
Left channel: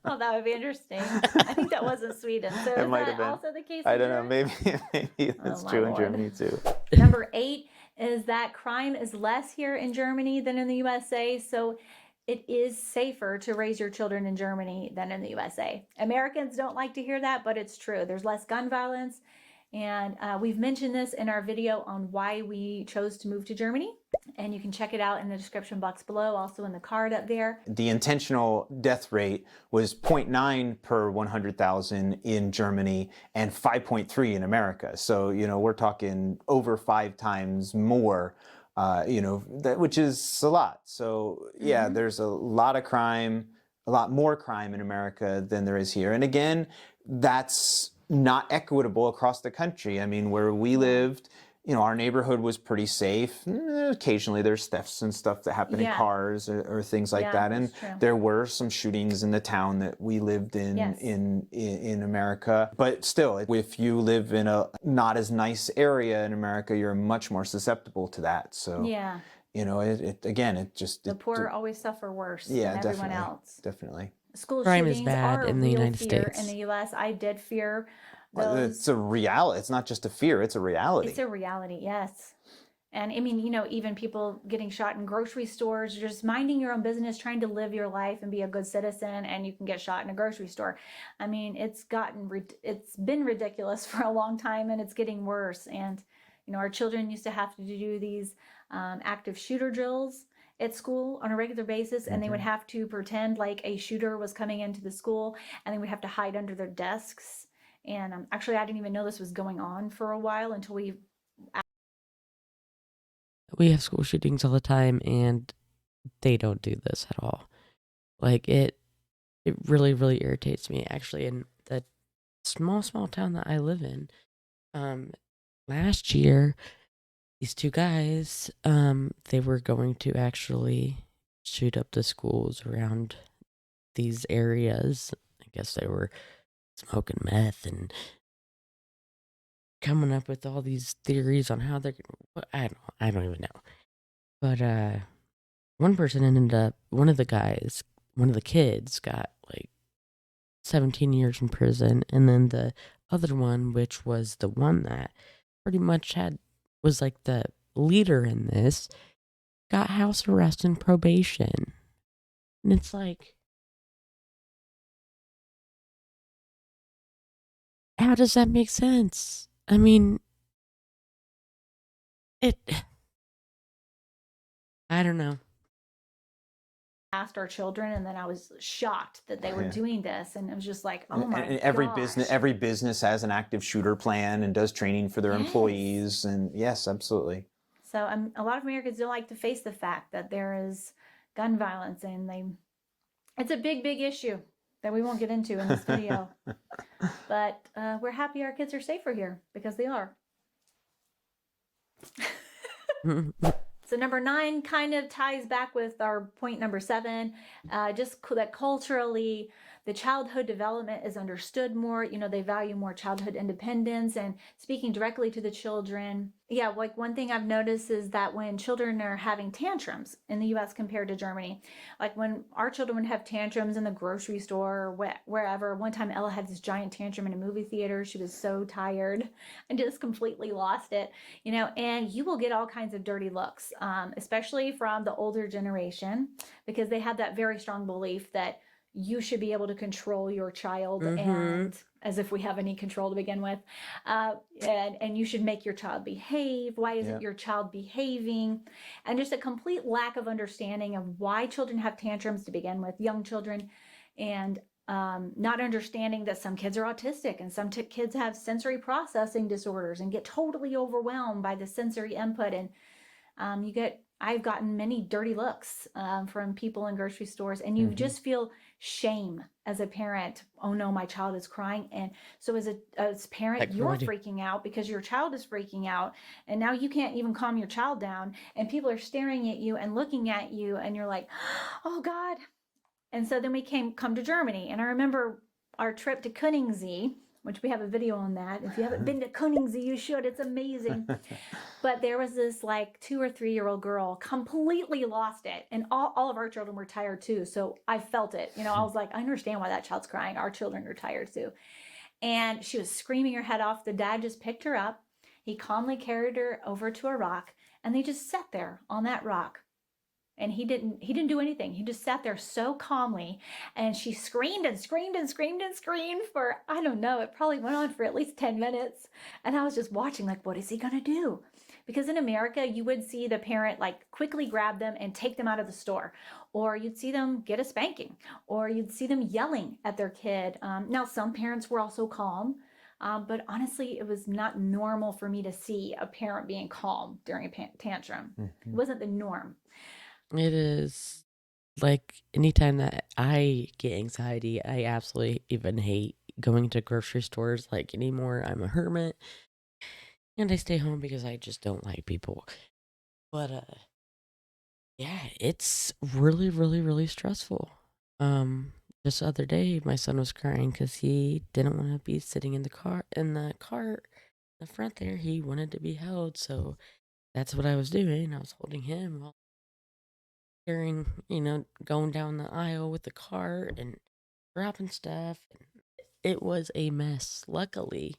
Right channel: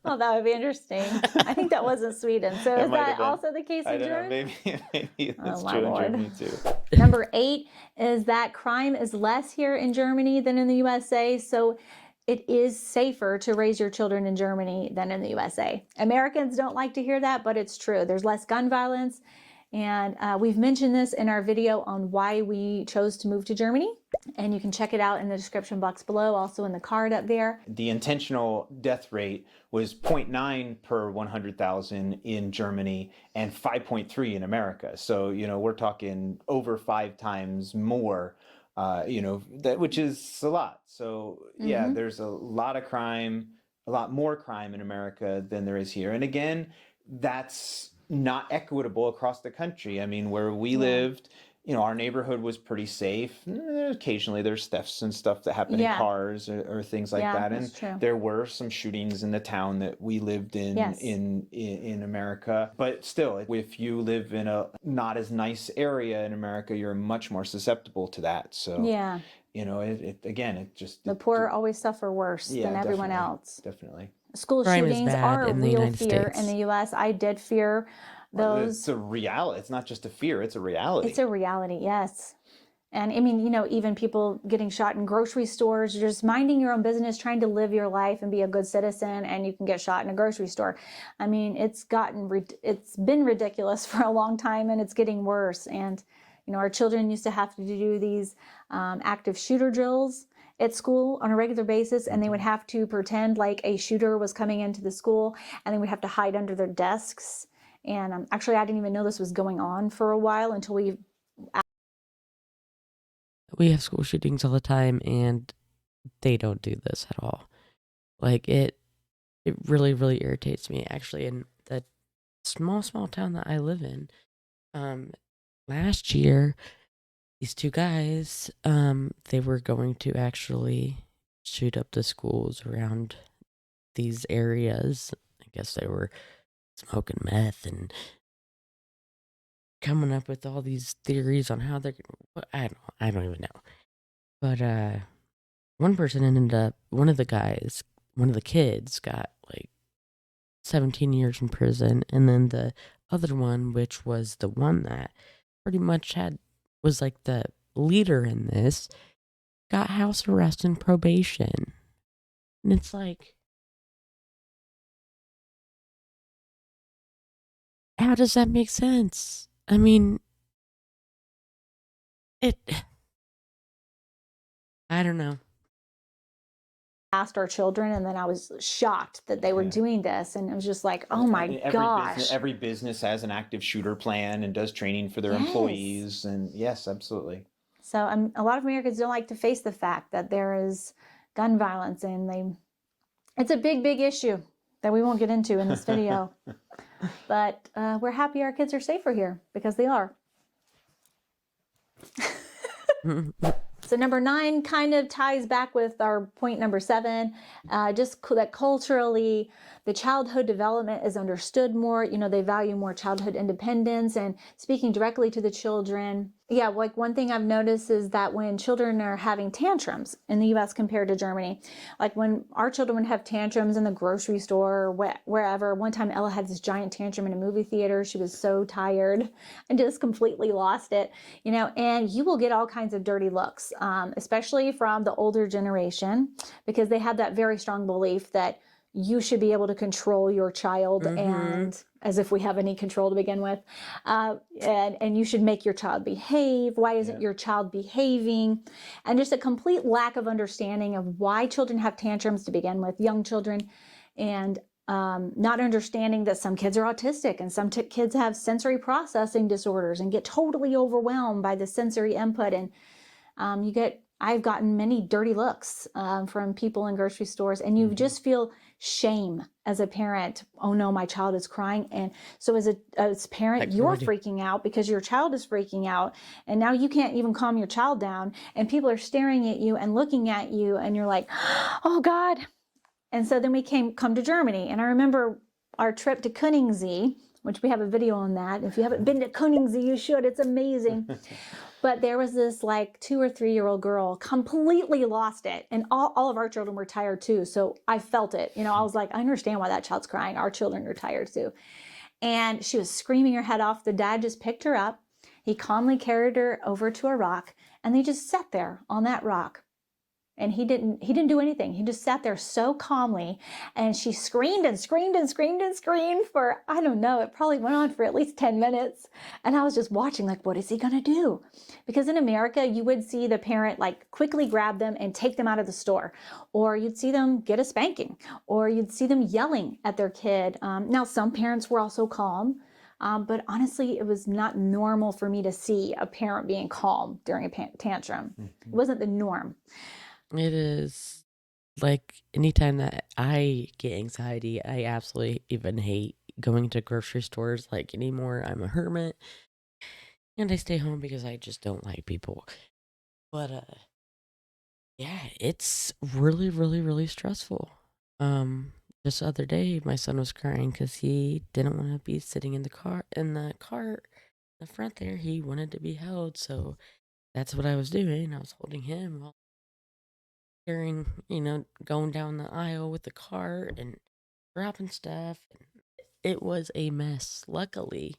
Well, that would be interesting. I think that was in Sweden. So is that also the case in Germany? I don't know. Maybe that's true in Germany too. Number 8 is that crime is less here in Germany than in the USA. So it is safer to raise your children in Germany than in the USA. Americans don't like to hear that, but it's true. There's less gun violence. And we've mentioned this in our video on why we chose to move to Germany. And you can check it out in the description box below, also in the card up there. The intentional death rate was 0.9 per 100,000 in Germany and 5.3 in America. So, you know, we're talking over 5 times more, you know, which is a lot. So, yeah, there's a lot of crime, a lot more crime in America than there is here. And again, that's not equitable across the country. I mean, where we lived, you know, our neighborhood was pretty safe. Occasionally there's thefts and stuff that happen in cars or things like that. And there were some shootings in the town that we lived in, in America. But still, if you live in a not as nice area in America, you're much more susceptible to that. So, you know, the poor always suffer worse than everyone else. Definitely. School crime shootings is bad are in the United States. In the U.S., I did fear those. It's a reality. It's not just a fear. It's a reality. It's a reality, yes. And I mean, even people getting shot in grocery stores, just minding your own business, trying to live your life and be a good citizen, and you can get shot in a grocery store. I mean, it's been ridiculous for a long time, and it's getting worse. And our children used to have to do these active shooter drills at school on a regular basis, and they would have to pretend like a shooter was coming into the school, and they would have to hide under their desks. And actually, I didn't even know this was going on for a while until We have school shootings all the time, and they don't do this at all. Like, it really, really irritates me, actually. In the small town that I live in, last year, these two guys, they were going to actually shoot up the schools around these areas. I guess they were smoking meth and coming up with all these theories on how they're gonna, I don't even know. But one person ended up, one of the kids got like 17 years in prison, and then the other one, which was the one that pretty much was like the leader in this, got house arrest and probation. And it's like, how does that make sense? I mean, it, I don't know. asked our children, and then I was shocked that they were doing this, and it was just like, oh my gosh. Every business has an active shooter plan and does training for their employees, and yes, absolutely. So a lot of Americans don't like to face the fact that there is gun violence, and it's a big issue that we won't get into in this video. But we're happy our kids are safer here, because they are. So number 9 kind of ties back with our point number 7, just that culturally the childhood development is understood more. They value more childhood independence and speaking directly to the children. Yeah, like one thing I've noticed is that when children are having tantrums in the US compared to Germany, like when our children would have tantrums in the grocery store or wherever. One time Ella had this giant tantrum in a movie theater. She was so tired and just completely lost it, and you will get all kinds of dirty looks, especially from the older generation, because they have that very strong belief that you should be able to control your child, and as if we have any control to begin with, and you should make your child behave. Why isn't your child behaving? And just a complete lack of understanding of why children have tantrums to begin with, young children, and not understanding that some kids are autistic, and some kids have sensory processing disorders and get totally overwhelmed by the sensory input. And I've gotten many dirty looks from people in grocery stores, and you just feel shame as a parent. Oh no, my child is crying. And so as a parent, you're freaking out because your child is freaking out, and now you can't even calm your child down, and people are staring at you and looking at you, and you're like, oh God. And so then we come to Germany, and I remember our trip to Königssee, which we have a video on that. If you haven't been to Königssee, you should. It's amazing. But there was this like 2 or 3-year-old girl, completely lost it. And all of our children were tired too. So I felt it. I was like, I understand why that child's crying. Our children are tired too. And she was screaming her head off. The dad just picked her up. He calmly carried her over to a rock, and they just sat there on that rock. And he didn't do anything. He just sat there so calmly, and she screamed and screamed and screamed and screamed for, I don't know, it probably went on for at least 10 minutes. And I was just watching like, what is he gonna do? Because in America, you would see the parent like quickly grab them and take them out of the store, or you'd see them get a spanking, or you'd see them yelling at their kid. Now, some parents were also calm, but honestly, it was not normal for me to see a parent being calm during a tantrum. It wasn't the norm. It is like anytime that I get anxiety, I absolutely even hate going to grocery stores like anymore. I'm a hermit, and I stay home because I just don't like people. But yeah, it's really, really, really stressful. Just the other day, my son was crying because he didn't want to be sitting in the car in the front there. He wanted to be held, so that's what I was doing. I was holding him while carrying, going down the aisle with the cart and dropping stuff. It was a mess. Luckily,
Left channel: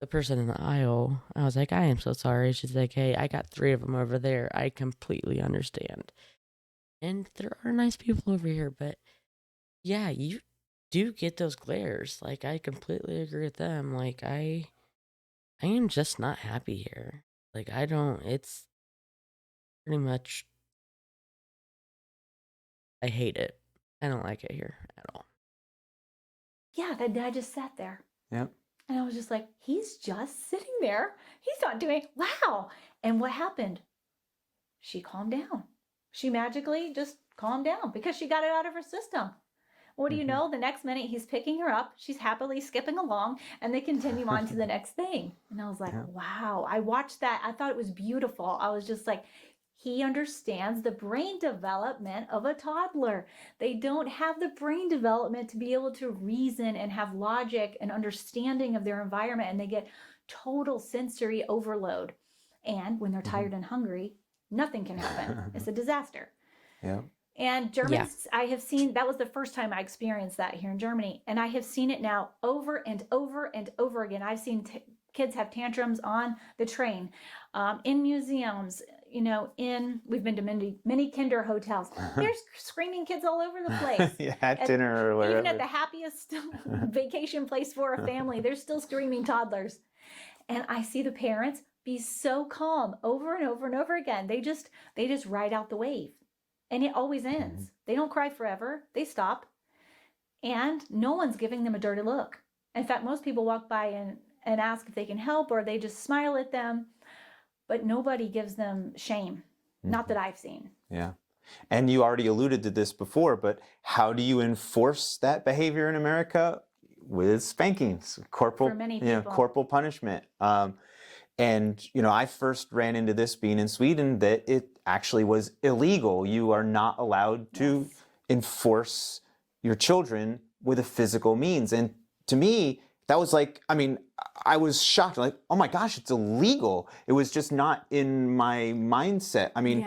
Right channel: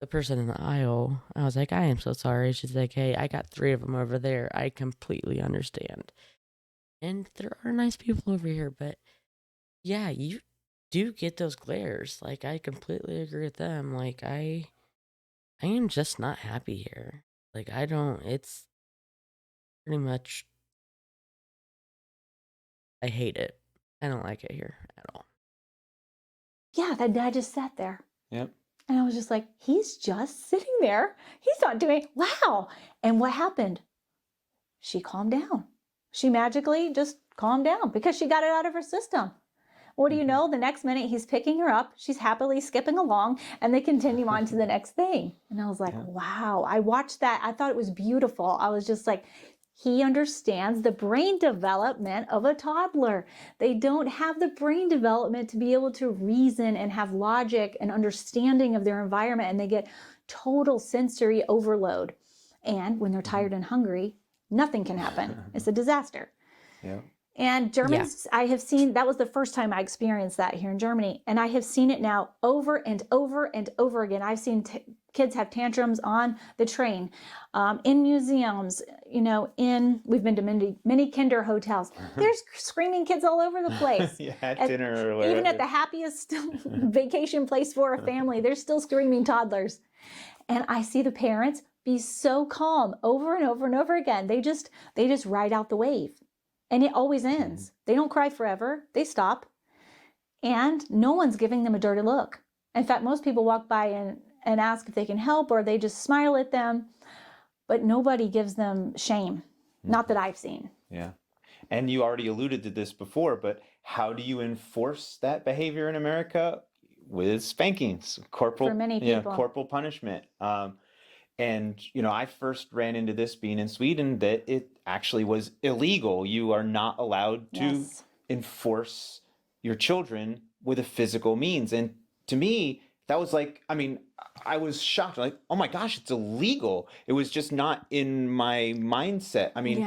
the person in the aisle, I was like, I am so sorry. She's like, hey, I got 3 of them over there. I completely understand. And there are nice people over here, but yeah, you do get those glares. Like, I completely agree with them. Like, I am just not happy here. Like, I don't, it's pretty much, I hate it. I don't like it here at all. Yeah, that dad just sat there. Yep. And I was just like, he's just sitting there. He's not doing, wow. And what happened? She calmed down. She magically just calmed down because she got it out of her system. What do you know? The next minute he's picking her up. She's happily skipping along and they continue on to the next thing. And I was like, wow. I watched that. I thought it was beautiful. I was just like, he understands the brain development of a toddler. They don't have the brain development to be able to reason and have logic and understanding of their environment. And they get total sensory overload. And when they're tired and hungry, nothing can happen. It's a disaster. Yeah. And Germans, I have seen, that was the first time I experienced that here in Germany. And I have seen it now over and over and over again. I've seen kids have tantrums on the train, in museums, you know, we've been to many kinder hotels. There's screaming kids all over the place. Yeah, at dinner or whatever. Even at the happiest vacation place for a family, there's still screaming toddlers. And I see the parents be so calm over and over and over again. They just ride out the wave. And it always ends. They don't cry forever. They stop. And no one's giving them a dirty look. In fact, most people walk by and ask if they can help, or they just smile at them. But nobody gives them shame. Not that I've seen. Yeah. And you already alluded to this before, but how do you enforce that behavior in America? With spankings, corporal, For many people. corporal punishment. And, you know, I first ran into this being in Sweden, that it actually was illegal. You are not allowed to enforce your children with a physical means. And to me, that was like, I mean, I was shocked, like, oh my gosh, it's illegal. It was just not in my mindset. I mean,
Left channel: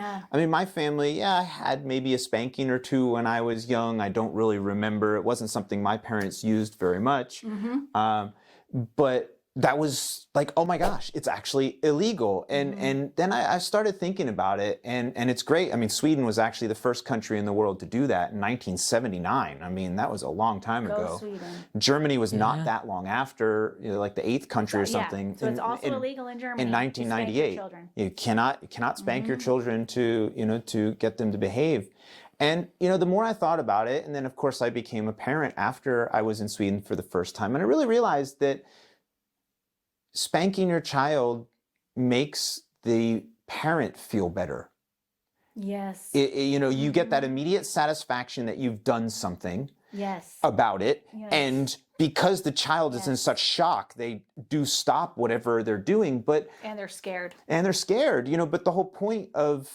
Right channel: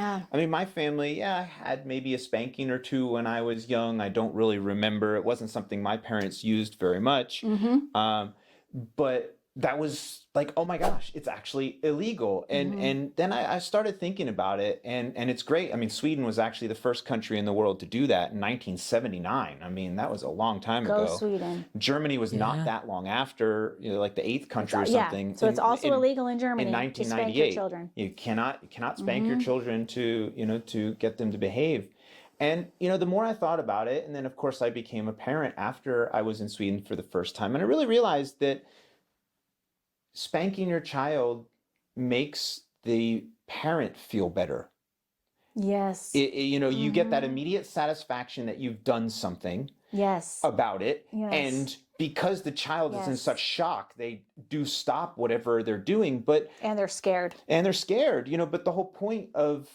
my family, I had maybe a spanking or two when I was young. I don't really remember. It wasn't something my parents used very much. But that was like, oh my gosh, it's actually illegal. And then I started thinking about it, and it's great. I mean, Sweden was actually the first country in the world to do that in 1979. I mean, that was a long time ago. Sweden. Germany was not that long after, you know, like the 8th country or something. So it's also illegal in Germany. In 1998. You cannot spank your children to, you know, to get them to behave. And, you know, the more I thought about it, and then of course I became a parent after I was in Sweden for the first time, and I really realized that spanking your child makes the parent feel better. Yes. You know, you get that immediate satisfaction that you've done something about it. And because the child is in such shock, they do stop whatever they're doing, and they're scared. You know, but the whole point of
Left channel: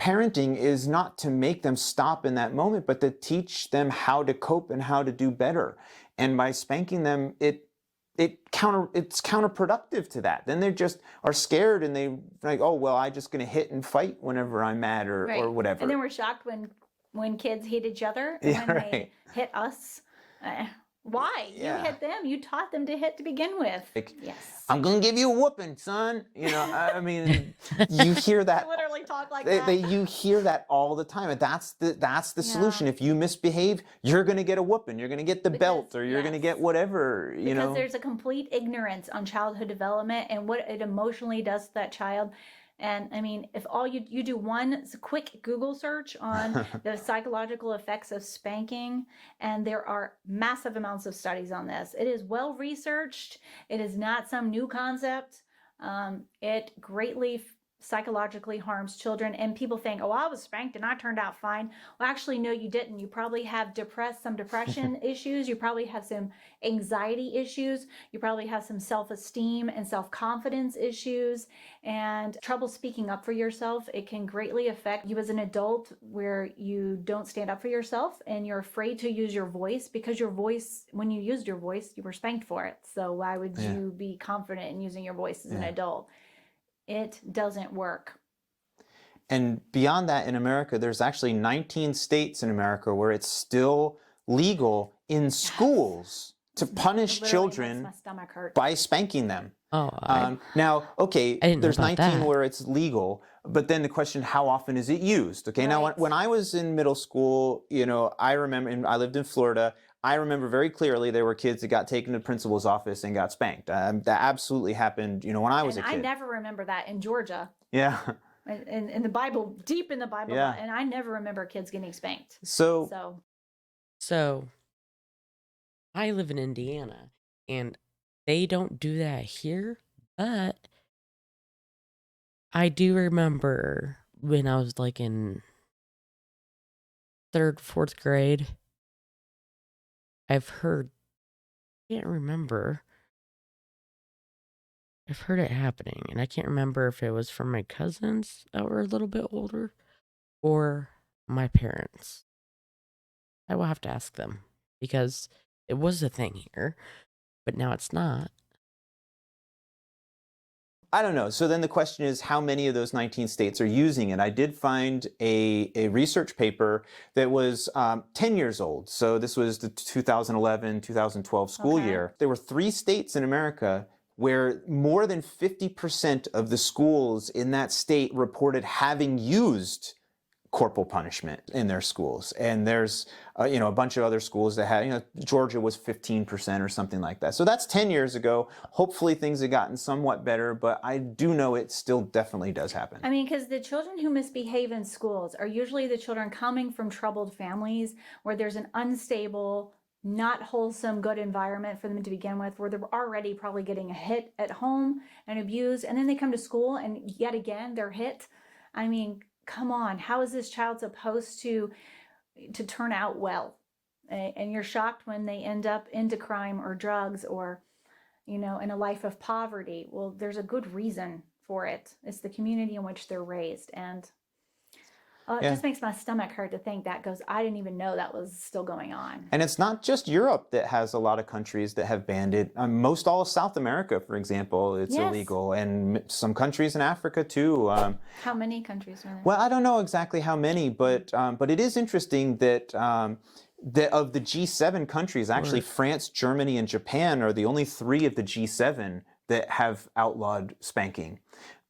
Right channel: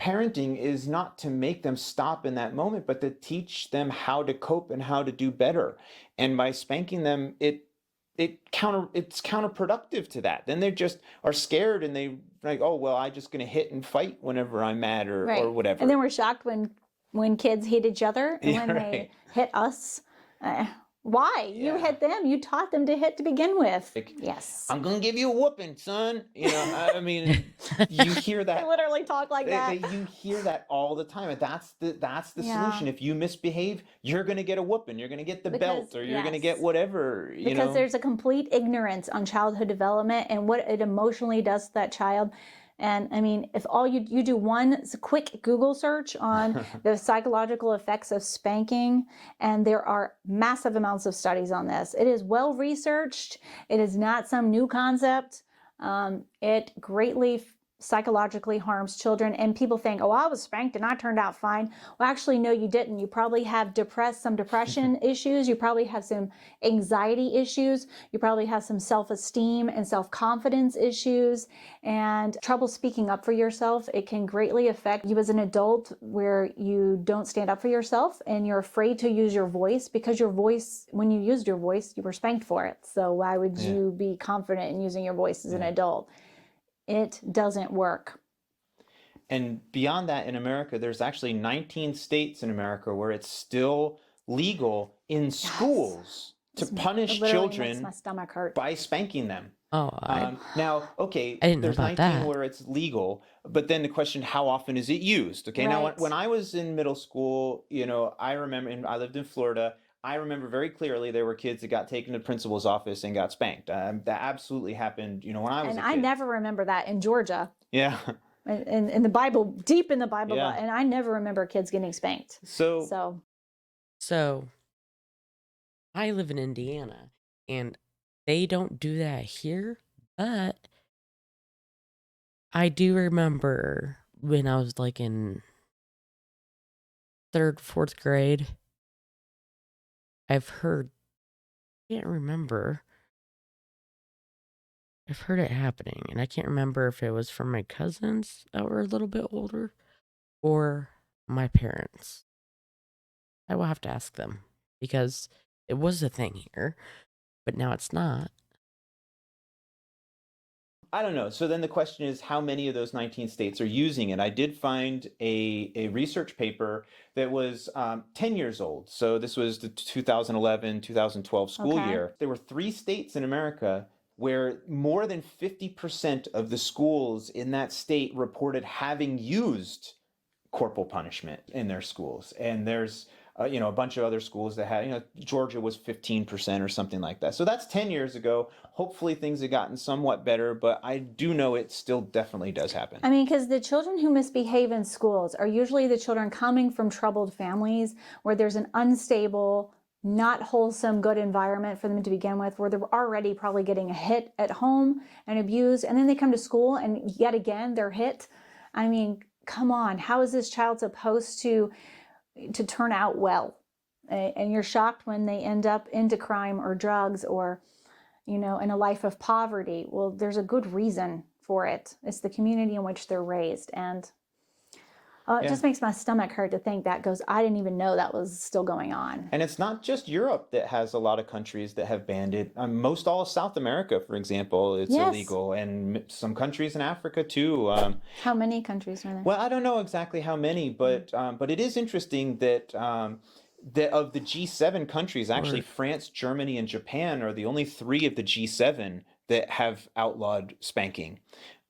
parenting is not to make them stop in that moment, but to teach them how to cope and how to do better. And by spanking them, it's counterproductive to that. Then they just are scared, and they like, oh well, I'm just going to hit and fight whenever I'm mad or whatever. And then we're shocked when kids hit each other and when they hit us. Why? You hit them. You taught them to hit to begin with. Like, I'm going to give you a whooping, son. You know, I mean, you hear that. They literally talk like that. You hear that all the time. And that's the solution. If you misbehave, you're going to get a whooping. You're going to get the belt, or you're going to get whatever, you know. Because there's a complete ignorance on childhood development and what it emotionally does to that child. And I mean, if all you do one quick Google search on the psychological effects of spanking, and there are massive amounts of studies on this. It is well researched. It is not some new concept. It greatly psychologically harms children, and people think, oh, I was spanked and I turned out fine. Well, actually, no, you didn't. You probably have some depression issues. You probably have some anxiety issues. You probably have some self-esteem and self-confidence issues and trouble speaking up for yourself. It can greatly affect you as an adult, where you don't stand up for yourself and you're afraid to use your voice, because your voice, when you used your voice, you were spanked for it. So why would you be confident in using your voice as an adult? It doesn't work. And beyond that, in America, there's actually 19 states in America where it's still legal in schools to punish It literally makes children my stomach hurt. by spanking them. Oh, Now, okay, I didn't know there's about 19 that. where it's legal, but then the question, how often is it used? Okay, now Right. when I was in middle school, I remember, and I lived in Florida, I remember very clearly there were kids that got taken to the principal's office and got spanked. That absolutely happened, when I was And a I kid. never remember that in Georgia. Yeah. In the Bible, deep in the Bible, Yeah. and I never remember kids getting spanked. So So I live in Indiana, and they don't do that here, but I do remember when I was like in 3rd, 4th grade, I've heard it happening, and I can't remember if it was from my cousins that were a little bit older or my parents. I will have to ask them because it was a thing here, but now it's not. I don't know. So then the question is, how many of those 19 states are using it? I did find a research paper that was 10 years old. So this was the 2011, 2012 school Okay. year. There were 3 states in America where more than 50% of the schools in that state reported having used corporal punishment in their schools. And there's a bunch of other schools that had, Georgia was 15% or something like that. So that's 10 years ago. Hopefully things have gotten somewhat better, but I do know it still definitely does happen. I mean, because the children who misbehave in schools are usually the children coming from troubled families where there's an unstable, not wholesome, good environment for them to begin with, where they're already probably getting a hit at home and abused, and then they come to school and yet again they're hit. I mean, come on, how is this child supposed to turn out well? And you're shocked when they end up into crime or drugs or, in a life of poverty. Well, there's a good reason for it. It's the community in which they're raised. And it just makes my stomach hurt to think that goes, I didn't even know that was still going on. And it's not just Europe that has a lot of countries that have banned it. Most all of South America, for example, it's illegal. And some countries in Africa, too. How many countries are there? Well, I don't know exactly how many, but it is interesting that of the G7 countries, actually France, Germany, and Japan are the only 3 of the G7 that have outlawed spanking.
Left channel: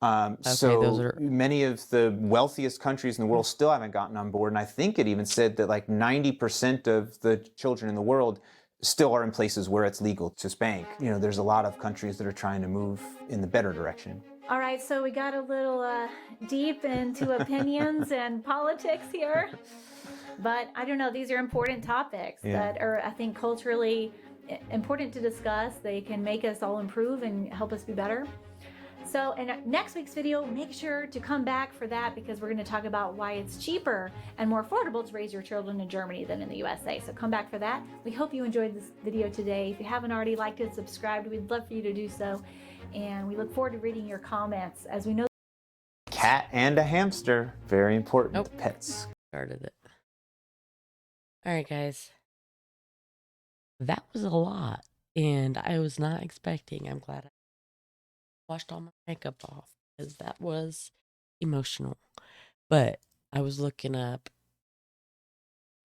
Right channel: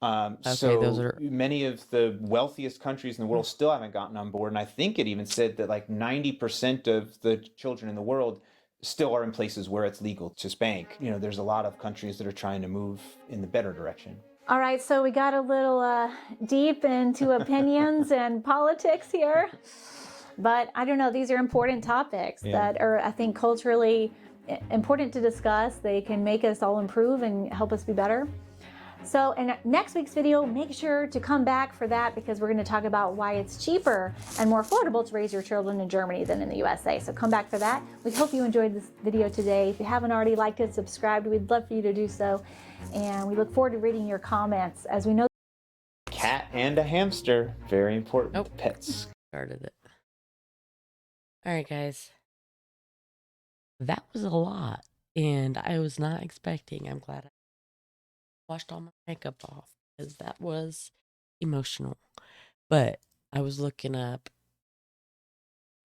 So those are many of the wealthiest countries in the world still haven't gotten on board. And I think it even said that like 90% of the children in the world still are in places where it's legal to spank. There's a lot of countries that are trying to move in the better direction. All right, so we got a little deep into opinions and politics here. But I don't know, these are important topics that are, I think, culturally important to discuss. They can make us all improve and help us be better. So in next week's video, make sure to come back for that because we're going to talk about why it's cheaper and more affordable to raise your children in Germany than in the USA. So come back for that. We hope you enjoyed this video today. If you haven't already liked it, subscribed, we'd love for you to do so. And we look forward to reading your comments. As we know, Cat and a hamster, very important pets. Started it. All right, guys. That was a lot, and I was not expecting. I'm glad I washed all my makeup off because that was emotional. But I was looking up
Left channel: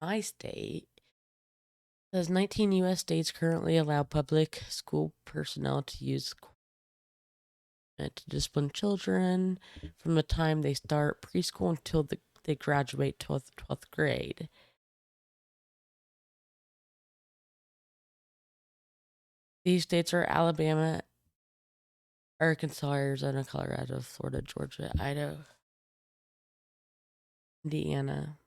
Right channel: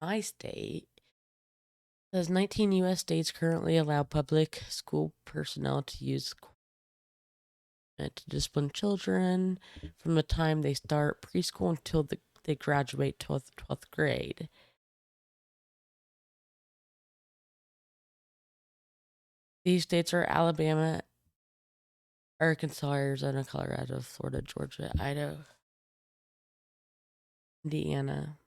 my state. It says 19 U.S. states currently allow public school personnel to use to discipline children from the time they start preschool until they graduate 12th grade. These states are Alabama, Arkansas, Arizona, Colorado, Florida, Georgia, Idaho, Indiana.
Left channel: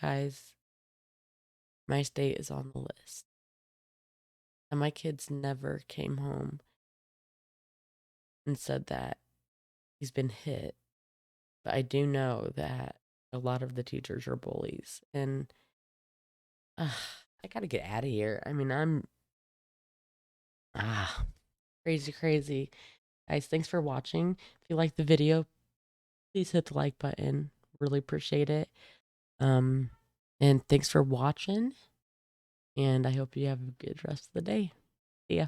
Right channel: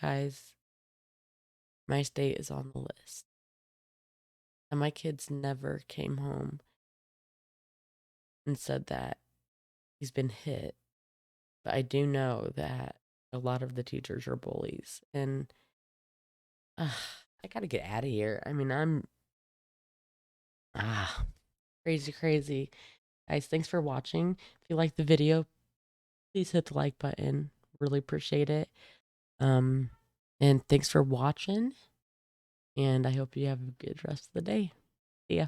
Guys, my state is on the list. And my kids never came home and said that he's been hit. But I do know that a lot of the teachers are bullies. And I gotta get out of here. I mean, I'm crazy. Guys, thanks for watching. If you liked the video, please hit the like button. Really appreciate it. And thanks for watching. And I hope you have a good rest of the day. See ya.